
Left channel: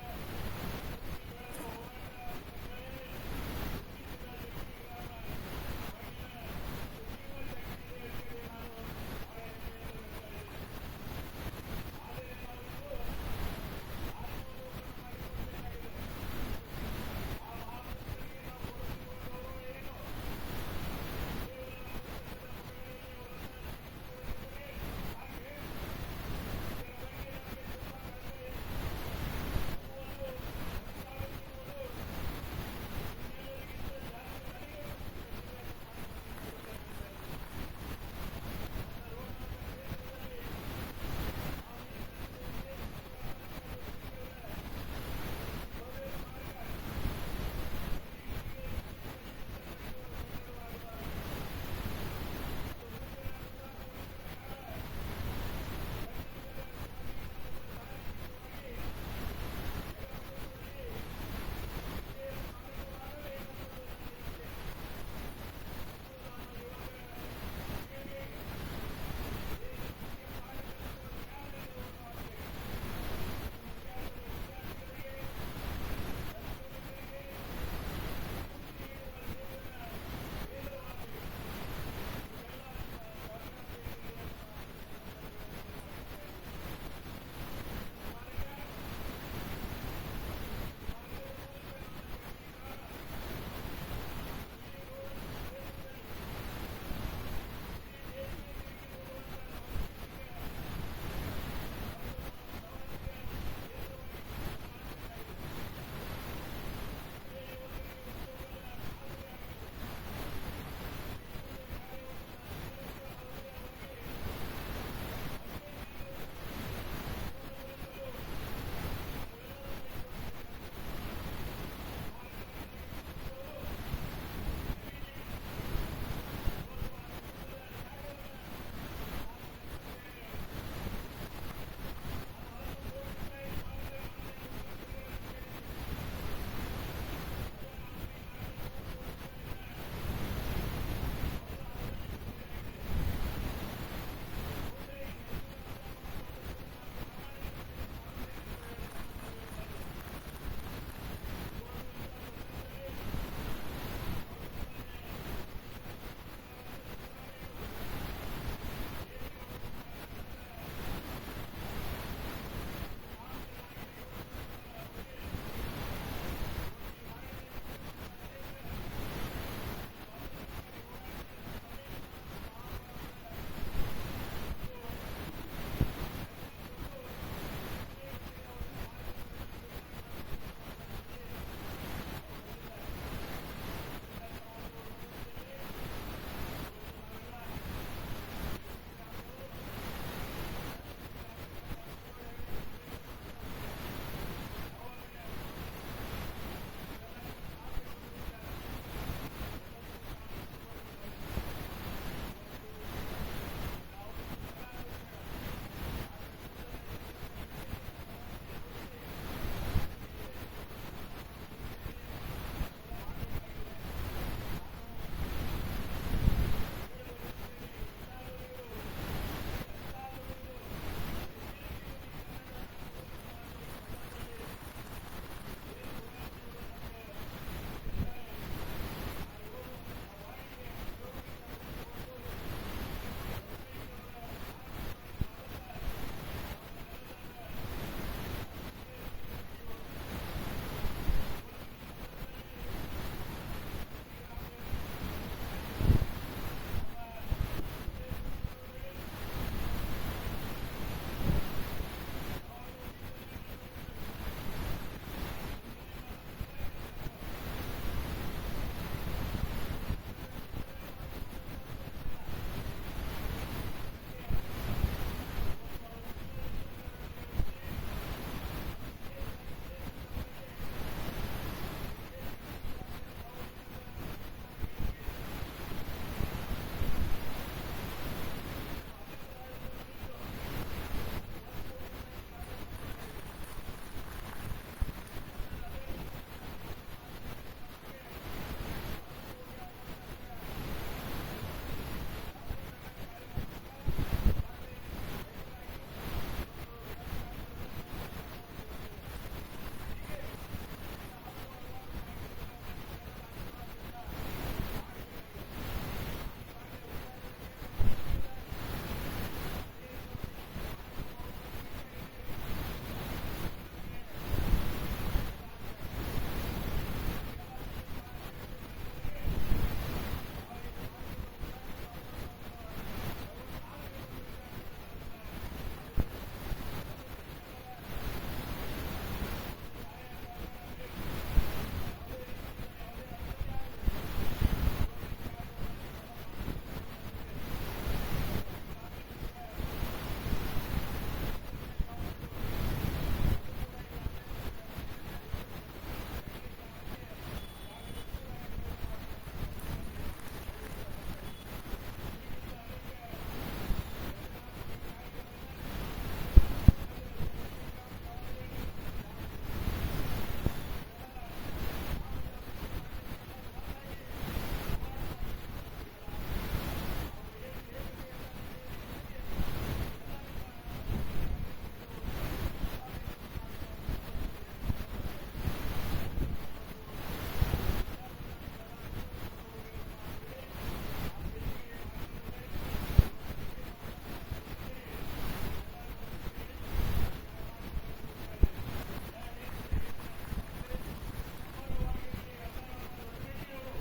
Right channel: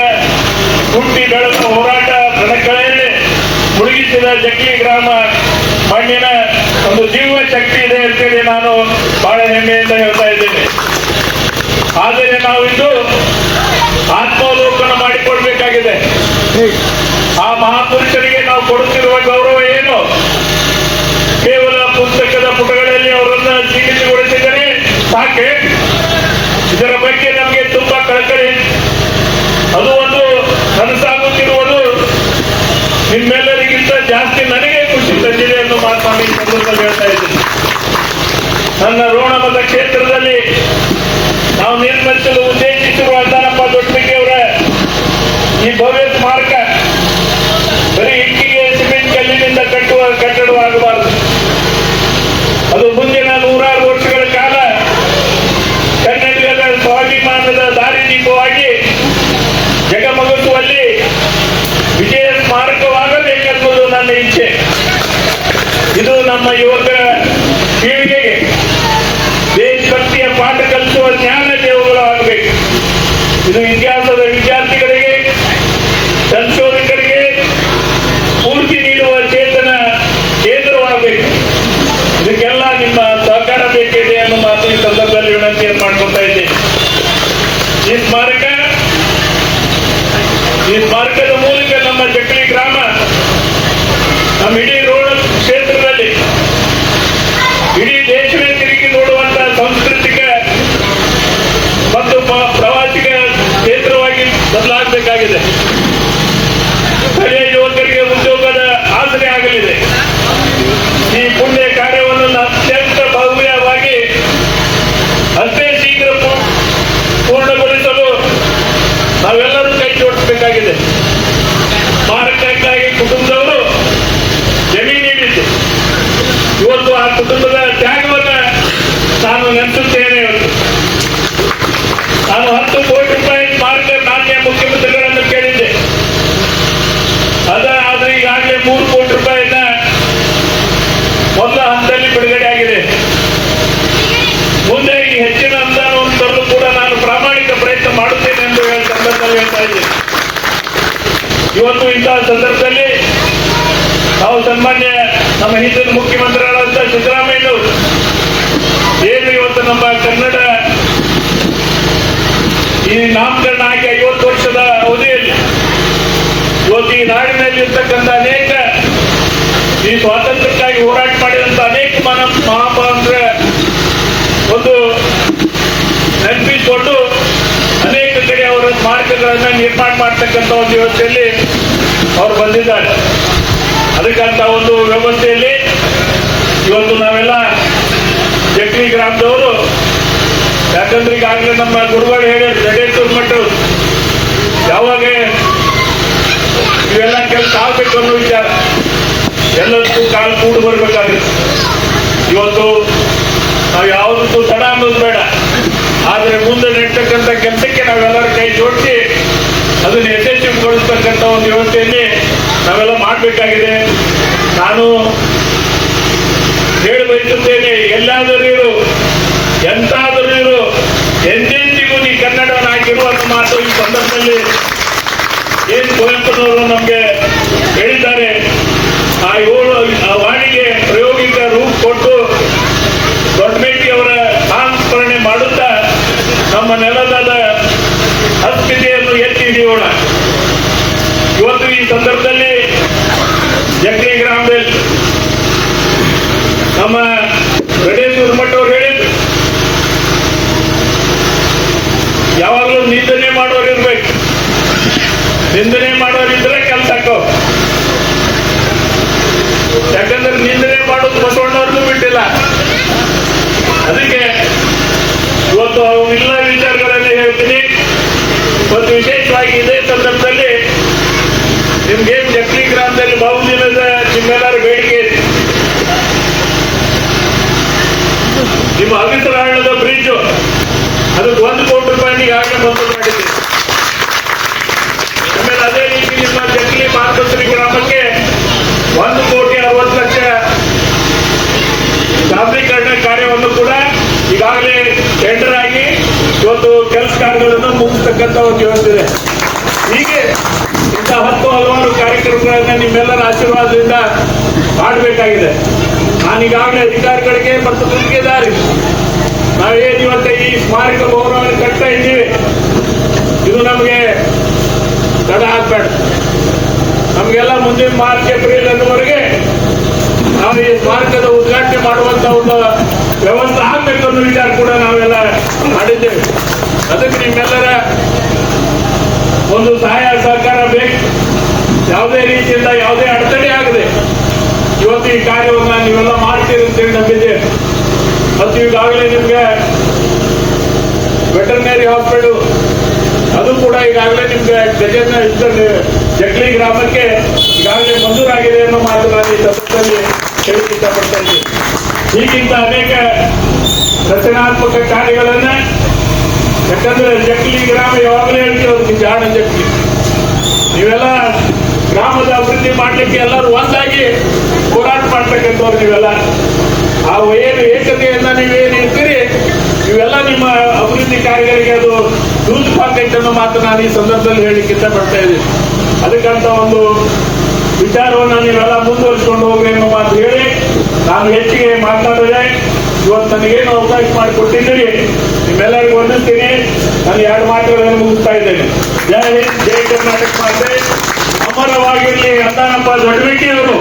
ಹುಟ್ಟಿ ಬೆಳೆದ ಹೋರಾಟ ಕಣಕಳೆಯಲ್ಲಿ ಮುಳುಗಿಸಿದ ಜಕ್ಲಿ ಗ್ರಾಮ ಮಣ್ಣಿನ ಒಂದು ಜೀವ ಶಕ್ತಿ ಇದೆ ಅಂತೇಳಿ ನಾನು ಬಹಳ ಹೆಮ್ಮೆಯಿಂದ ಹೇಳ್ತಾ ಇದ್ದೇನೆ. ಆದರೆ ನಾವಿಂದು ಆತ್ಮಾವಲೋಕನ ಮಾಡಿಕೊಡ್ಬೇಕಾಗಿದೆ. ಆ ಮಹಾಪುರುಷರಿಗೆ ನಾವು ಕೊಡುತ್ತಿರುವ ಗೌರವ ಏನು? ಕೇವಲ ಪುಸ್ತಕದ ಪುಟಗಳಲ್ಲಿ ಅವರನ್ನ ಜೀವಿತಗೊಳಿಸಿದರೆ ಸಾಕೆ? ಇದರ ಬಗ್ಗೆ ನಮಗೆ ತುಂಬಾ ಕಳಕಳಿ. ಅದು ಒಂದು ಕನಸಾಗುತ್ತಿರುವುದು ನಿಮ್ಮೆಲ್ಲರಿಗಿಂತ ಜಾಸ್ತಿ ನನಗೆ ಖುಷಿ ತಂದಿದೆ ಎಂದು ಮಾತನಾಡಿ ಈ ಸಂದರ್ಭದಲ್ಲಿ ಹೇಳ್ತಾ ಇದ್ದೀನಿ. ನನ್ನ ರೋಣ ಮತ ಕ್ಷೇತ್ರದಲ್ಲಿ ನಾವು ನಿರ್ಮಿಸಲು ಉದ್ದೇಶಿಸಿರುವ ಅಂದಾನಪ್ಪ ದೊಡ್ಡಬೆಕ್ಕಿಯವರ ಈ ಭವ್ಯ ಸ್ಮಾರಕ ಬರೀ ಇಟ್ಟಿಗೆ ಸಿಮೆಂಟ್ ಕಲ್ಲಿನಿಂದ ಕಟ್ಟುವ ಕಟ್ಟಡವಾಗಬಾರದು. ಅದು ಮುಂದಿನ 100 ವರ್ಷಗಳ ಕಾಲ ಕನ್ನಡಿಗರ ಸ್ವಾಭಿಮಾನದ ದಾರಿದೀಪವಾಗಿ ಜಗಮಗುತ್ತುವಲ್ಲಿ ವಿಜಯ ಸ್ಮಾರಕವಾಗಬೇಕೆಂಬುದು ನನ್ನ ಇಚ್ಛೆ. ಇದು ನಮ್ಮ ಯುವಕರ ಪೀಳಿಗೆಗೆ ದೇಶಭಕ್ತಿಯ ಪಾಠ ಕಲಿಸುವ ಜ್ಞಾನ ದೇವುಗಳಾಗಬೇಕು. ಇದು ಇತಿಹಾಸದ ವಿದ್ಯಾರ್ಥಿಗಳಿಗೆ, ಸಂಶೋಧಕರಿಗೆ ಸ್ಫೂರ್ತಿ ನೀಡುವ ಚೇತನ ಕೇಂದ್ರವಾಗಬೇಕು. ಇದಕ್ಕೆಲ್ಲ ನಿಮ್ಮ ಸಹಕಾರ ಬೇಕಿದೆ ಅನ್ನೋ ಮಾತು ಈ ಸಂದರ್ಭದಲ್ಲಿ ವಿನಂತಿಯನ್ನು ಮಾಡ್ಕೊತಾ ಇದ್ದೇನೆ. ಈ ಸ್ಮಾರಕದ ಮೂಲಕ ನಮ್ಮ ಜಕ್ಲಿ ಗ್ರಾಮ, ನಮ್ಮ ಇಡೀ ರೋಣ ಕ್ಷೇತ್ರದಲ್ಲಿ ಇಡೀ ದೇಶವೇ ತಿರುಗಿ ನೋಡುವಂತಹ ಸಾಂಸ್ಕೃತಿಕ ಮತ್ತು ಪ್ರವಾಸಿಗ ಕ್ಷೇತ್ರವಾಗಿ ಬದಲಾಗಬೇಕಾಗಿದೆ. ಸ್ಥಳೀಯ ಯುವಕರಿಗೆ ಉದ್ಯೋಗದ ಆಸರೆ ಆಗಲಿದೆ. ಈ ಪುಣ್ಯ ಕಾರ್ಯವನ್ನು ಅತ್ಯಂತ ಭವ್ಯವಾಗಿ ಅಷ್ಟೇ ಶೀಘ್ರ ಪೂರ್ಣಗೊಳಿಸಲು ನಾವೆಲ್ಲರೂ ಕೈ ಜೋಡಿಸಬೇಕಾಗಿದೆ. ಸ್ಮಾರಕಕ್ಕಾಗಿ ಕುಟುಂಬದವರು ಜಮೀನು ನೀಡಿದ್ದು, ಇವತ್ತು ಆ ಕುಟುಂಬದ ತ್ಯಾಗವನ್ನು ನಾನು ನೆನೆಸುತ್ತೇನೆ. ನಾನು 10 ಕೋಟಿ ರೂಪಾಯಿ ಸ್ಮಾರಕ ಮಾನ್ಯ ಮುಖ್ಯಮಂತ್ರಿಗಳನ್ನು ಕೇಳಿದ್ದೆ. ಆದರೆ ಈಗಾಗಲೇ 3 ಕೋಟಿ ರೂಪಾಯಿನ ಮೊದಲ ಹಂತದಲ್ಲಿ ಬಿಡುಗಡೆ ಆಗಿದೆ. ಮುಂದೆ ಈ ಹೆಚ್ಚಿನ ಅನುದಾನವನ್ನು ತರಲು ಕೂಡ ನಾನು ಪ್ರಾಮಾಣಿಕ ಪ್ರಯತ್ನ ಮಾಡುತ್ತೇನೆ ಎಂದು ಸಂದರ್ಭದಲ್ಲಿ ಹೇಳ್ತಾ ಇದ್ದೇನೆ. ಇವತ್ತು ಇಂತಹ ಸಂದರ್ಭದಲ್ಲಿ ನಾವು ಸನ್ಮಾನ್ಯ ನಮ್ಮ ಹಿಂದಿನ ಮುಖ್ಯಮಂತ್ರಿಗಳಾದ ಸಿದ್ದರಾಮಯ್ಯನವರು ಏನು ಇವತ್ತು ನಮ್ಮ ಕನ್ನಡ ಈ ನಾಮಕರಣ ಆಗಿ 50 ವರ್ಷದ ಅವಧಿಯಲ್ಲಿ ಇವತ್ತು ಈ ನಾಡಿನಲ್ಲಿ ಇರ್ತಕ್ಕಂಥ ಅನೇಕ ಈ ಸ್ವಾತಂತ್ರ್ಯಕ್ಕಾಗಿ ಹೋರಾಟ ಮಾಡಿದಂತ ಅನೇಕ ಮಹಾಪುರುಷರ ಒಂದು ನೆನಪಿಸಿಕೊಂಡು ಅನೇಕ ಕಡೆ ಅವರ ಸ್ಮಾರಕಗಳನ್ನ ನಿರ್ಮಾಣ ಮಾಡ್ತಕ್ಕಂಥ ಒಂದು ವ್ಯವಸ್ಥೆಯಲ್ಲಿ ಅವರು ಬಂದಿದ್ದಾರೆ. ಅದಕ್ಕಂತ ಒಂದು ವ್ಯವಸ್ಥೆಯಲ್ಲಿ ಇವತ್ತು ನಾವೆಲ್ಲ ಜಕ್ಲಿ ಗ್ರಾಮದವರು, ಯಾಕಂದ್ರೆ ಈಗಾಗಲೇ ನಮ್ಮ ಗುರುಗಳು ಹೇಳಿದ್ರು, ಜಡೇಶ್ವರ ಮಠರು ಯಾವಾಗ ಇವೆಲ್ಲ ಕೆಲಸ ಆಗ್ಬೇಕು ಅನ್ನೋ ವಿಚಾರ ಎಲ್ಲದಕ್ಕೂ ಕಾಲು ಕೂಡು ಬರ್ಬೇಕಾಗುತ್ತೆ. ಇವತ್ತು ನಾವು ಯಾವುದಕ್ಕೂ ತಡ ಅನ್ನೋದು ಬೇಡ, ಆದರೆ ಮುಂದೆ ನೆಡ್ತಕ್ಕಂಥ ಕೆಲಸಕ್ಕೆ ನಾವೆಲ್ಲರ ಕೈ ಜೋಡಿಸಿ ಅದನ್ನು ಯಶಸ್ವಿಗೊಳಿಸ್ತಕ್ಕಂಥ ಒಂದು ವ್ಯವಸ್ಥೆಯಲ್ಲಿ ನಾವೆಲ್ಲ ಮಾಡಬೇಕಾಗಿದೆ. ನಾನು ಹೇಳಿ ಬಯಸುತ್ತೇನೆ, ಎಲ್ಲಾದರೂ ಇರು, ಎಂತಾದರೂ ಇರು, ಎಂದೆಂದಿಗೂ ನೀ ಕನ್ನಡವನ್ನು ಹಾಕಿರುವ ಅನ್ನೋ ಮಾತು ಈ ಸಂದರ್ಭದಲ್ಲಿ ಏನು ಕುವೆಂಪುನವರು ನಮಗೆ ಹೇಳಿದ್ದಾರೆ. ಆ ವಾಣಿಗೆ ಪ್ರಾಯೋಗಿಕ ರೂಪ ಕೊಟ್ಟು ದೊಡ್ಡಬೇಟಿಯವರ ಸಂಸ್ಮರಣೆ ಮಾಡುತ್ತಾ ನಮ್ಮ ನೆಲದ ಅಸ್ಮಿತೆಯನ್ನು ಎತ್ತಿ ಹಿಡಿಯೋಣ. ಇವತ್ತು ಈ ಸಂದರ್ಭದಲ್ಲಿ ಜಕ್ಲಿ ಗ್ರಾಮದಲ್ಲಿ ನಮ್ಮ ಗಣೇಶ್ವರ ಮಠ ಅವರು ಹೇಳಿದ್ರು, ಯಾವಾಗಲೂ ನಿಂದನೆ ಮಾಡೋರು ಇರ್ಬೇಕು, ನಿಂದನೆ ಮಾಡೋರಿದ್ರೆ ಕೆಲಸ ಹಾಕೋ. ಯಾಕಂದ್ರೆ ನಿಂದನೆ ಮಾಡೋದು ಬಸವಣ್ಣವ್ರದ್ದು ಬಿಟ್ಟಿಲ್ಲ. ಅದಕ್ಕೆ ಇವತ್ತು ಅವೆಲ್ಲ ವಿಚಾರಗಳಲ್ಲಿ ಹೇಳ್ತೀನಿ. ಮತ್ತು ವಿಶೇಷವಾಗಿ ಇದೇ ಸಂದರ್ಭದಲ್ಲಿ ನಿಮ್ಗೆ ಜಕ್ಲಿ ಗ್ರಾಮದಲ್ಲಿ ಬಹುದಿನದ ನಿಮ್ಮೆಲ್ಲರ ಬೇಡಿಕೆ ಇದೆ. ನಿಮ್ಮ ಅವಿತರಣದ ಬ್ರಿಡ್ಜ್ ಅದಕ್ಕೆ 1 ಕೋಟಿ ರೂಪಾಯಿ ಈಗಾಗಲೇ ಮಂಜೂರು ಮಾಡಿದ್ದೀವಿ. ಆಮೇಲೆ ಅದೇ ರೀತಿ ನಿಮ್ಮ ಜಕ್ಲಿ ಮಾರ್ಗಶ್ರೀ ಗ್ರಾಮಕ್ಕೆ 1,60,00,000 ಡಾಂಬರೀಕರಣ ಕಾರ್ಯವನ್ನು ಕೂಡ ಈಗಾಗಲೇ ಟೆಂಡರ್ ಆಗಿ ಇವತ್ತು ಕೆಲಸ ಕಾರ್ಯಗಳನ್ನು ಮುಗಿಸ್ತಕ್ಕಂಥ ಮಾಡ್ತಕ್ಕಂಥ ಒಂದು ಇವತ್ತಿದೆ. ಹೀಗೆ ಇಂಥ 10 ಹಲವಾರು ಕಾರ್ಯಕ್ರಮಗಳನ್ನ ನಿಮ್ಮೆಲ್ಲರ ಆಶೀರ್ವಾದದಿಂದ ಮಾಡಬೇಕಾಗಿದೆ. ನಾನೀಗಾಗಲೇ ಅಧಿಕಾರಿಗಳಿಗೆ ಮತ್ತು ಗುತ್ತಿಗೆದಾರಿ ನಾವೇನು ಇವತ್ತು ಈ ಸ್ಮಾರಕ ಭವನವನ್ನು ಕಟ್ತಾ ಇದ್ದೀವಿ, ಇದು ನಮಗೆ ತಡ ಆಗ್ಬೇಡ. ನಮಗೆಲ್ಲ ಮುಂದಿನ ಮಾರ್ಚ್ ಏಪ್ರಿಲ್ ಅನ್ನುವರೆಗೆ ನಾವು ಈ ಸ್ಮಾರಕದ ಉದ್ಘಾಟನೆ ಮಾಡುವಂತ ಒಂದು ವ್ಯವಸ್ಥೆ ಆಗ್ಬೇಕು ಅನ್ನೋ ವಿಚಾರ ಕೂಡ ನಾವೆಲ್ಲ ಮಾಡಿದ್ದೇವೆ. ಅದಕ್ಕೆ ನಿಮ್ಮೆಲ್ಲರ ಒಂದು ಸಹಾಯ ಸಹಕಾರ ಬೇಕು. ಯಾವುದೇ ರೀತಿಯಿಂದ ಯಾವುದೇ ಅಡೆತಡೆ ಆಗದೆ ಇವತ್ತು ಈ ಕಾರ್ಯವನ್ನು ನೀವೆಲ್ಲ ಮಾಡ್ತೀರಿ ಅಂತೇಳಿ ನಂಬಿದ್ದೇವೆ. ಮತ್ತು ಈಗಾಗಲೇ ನಿಮ್ಗೆ ವೆಟರ್ನರಿ ಹಾಸ್ಪಿಟಲ್ ಅದು ಕೂಡ ಈಗಾಗಲೇ ನಿಮ್ಗೆ ಜಕ್ಲಿ ಗ್ರಾಮಕ್ಕೆ ಈಗಾಗಲೇ ಮಂಜೂರಾಗಿದೆ ಅನ್ನೋ ಮಾತು ನಾನು ಈ ಸಂದರ್ಭದಲ್ಲಿ ಹೇಳಕ್ಕೆ ಇಷ್ಟಪಡ್ತಾ ಇದ್ದೀನಿ. ಹೀಗಿಂತ ಅನೇಕ ರಚನಾತ್ಮಕ ಕಾರ್ಯಗಳನ್ನ, ಯಾಕಂದ್ರೆ ಜಕ್ಲಿ ಗ್ರಾಮ ಯಾವಾಗಲೂ ಹೇಳ್ತೀವಿ ಜಾಣ ಜಕ್ಲಿ. ನೀವೆಲ್ಲ ಗ್ರಾಮದ ಅಭಿವೃದ್ಧಿ ಮಾಡ್ಲಿಕ್ಕೆ ಎಲ್ಲರೂ ಒಂದಾಗಿ ಹೋರಾಟ ಮಾಡ್ತಕ್ಕಂಥವ್ರು ನೀವೆಲ್ಲ. ಆ ಏನು ಏಕತೆಯನ್ನ ನೀವೇನು ಇರ್ತೀರಿ ಇವೆಲ್ಲ ನಿಮ್ಮ ಅಭಿವೃದ್ಧಿ ಕಾರ್ಯಗಳಿಗೆ ಅದು ದೂರವಾಗೈತೆ ಅನ್ನೋ ಮಾತು ನಾನು ಈ ಸಂದರ್ಭದಲ್ಲಿ ಹೇಳಿಕ್ಕೆ ಇಷ್ಟಪಡ್ತಾ ಇದ್ದೀನಿ. ಅದಕ್ಕಂತ ಒಂದು ವಿಚಾರವನ್ನು ನೀವೆಲ್ಲ ಮುಂದುವರಿಸಿಕೊಂಡು ಹೋಗ್ರಿ ಅನ್ನೋ ಮಾತು ಹೇಳಿ ನಾನು ಹೆಚ್ಚಿಗೆ ಮಾತನಾಡಿದೆ. ಇವತ್ತು ನನಗೇನು ಅವಕಾಶ ಮಾಡಿಕೊಟ್ಟಿದ್ದೀರಿ, ನಿಮ್ಮೆಲ್ಲರಿಗೂ ವಂದಿಸ್ತೀನಿ. ನಾನು 2 ಮಾತುಗಳನ್ನು ಮುಗಿಸ್ತಾ ಇದ್ದೇನೆ. ಜೈ ಹಿಂದ್, ಜೈ ಕರ್ನಾಟಕ ಮಾತೆ, ಅಮರವಾಗಿರಲಿ ಅಂದಾನಪ್ಪ ದೊಡ್ಡಬೇಟಿಯವರು.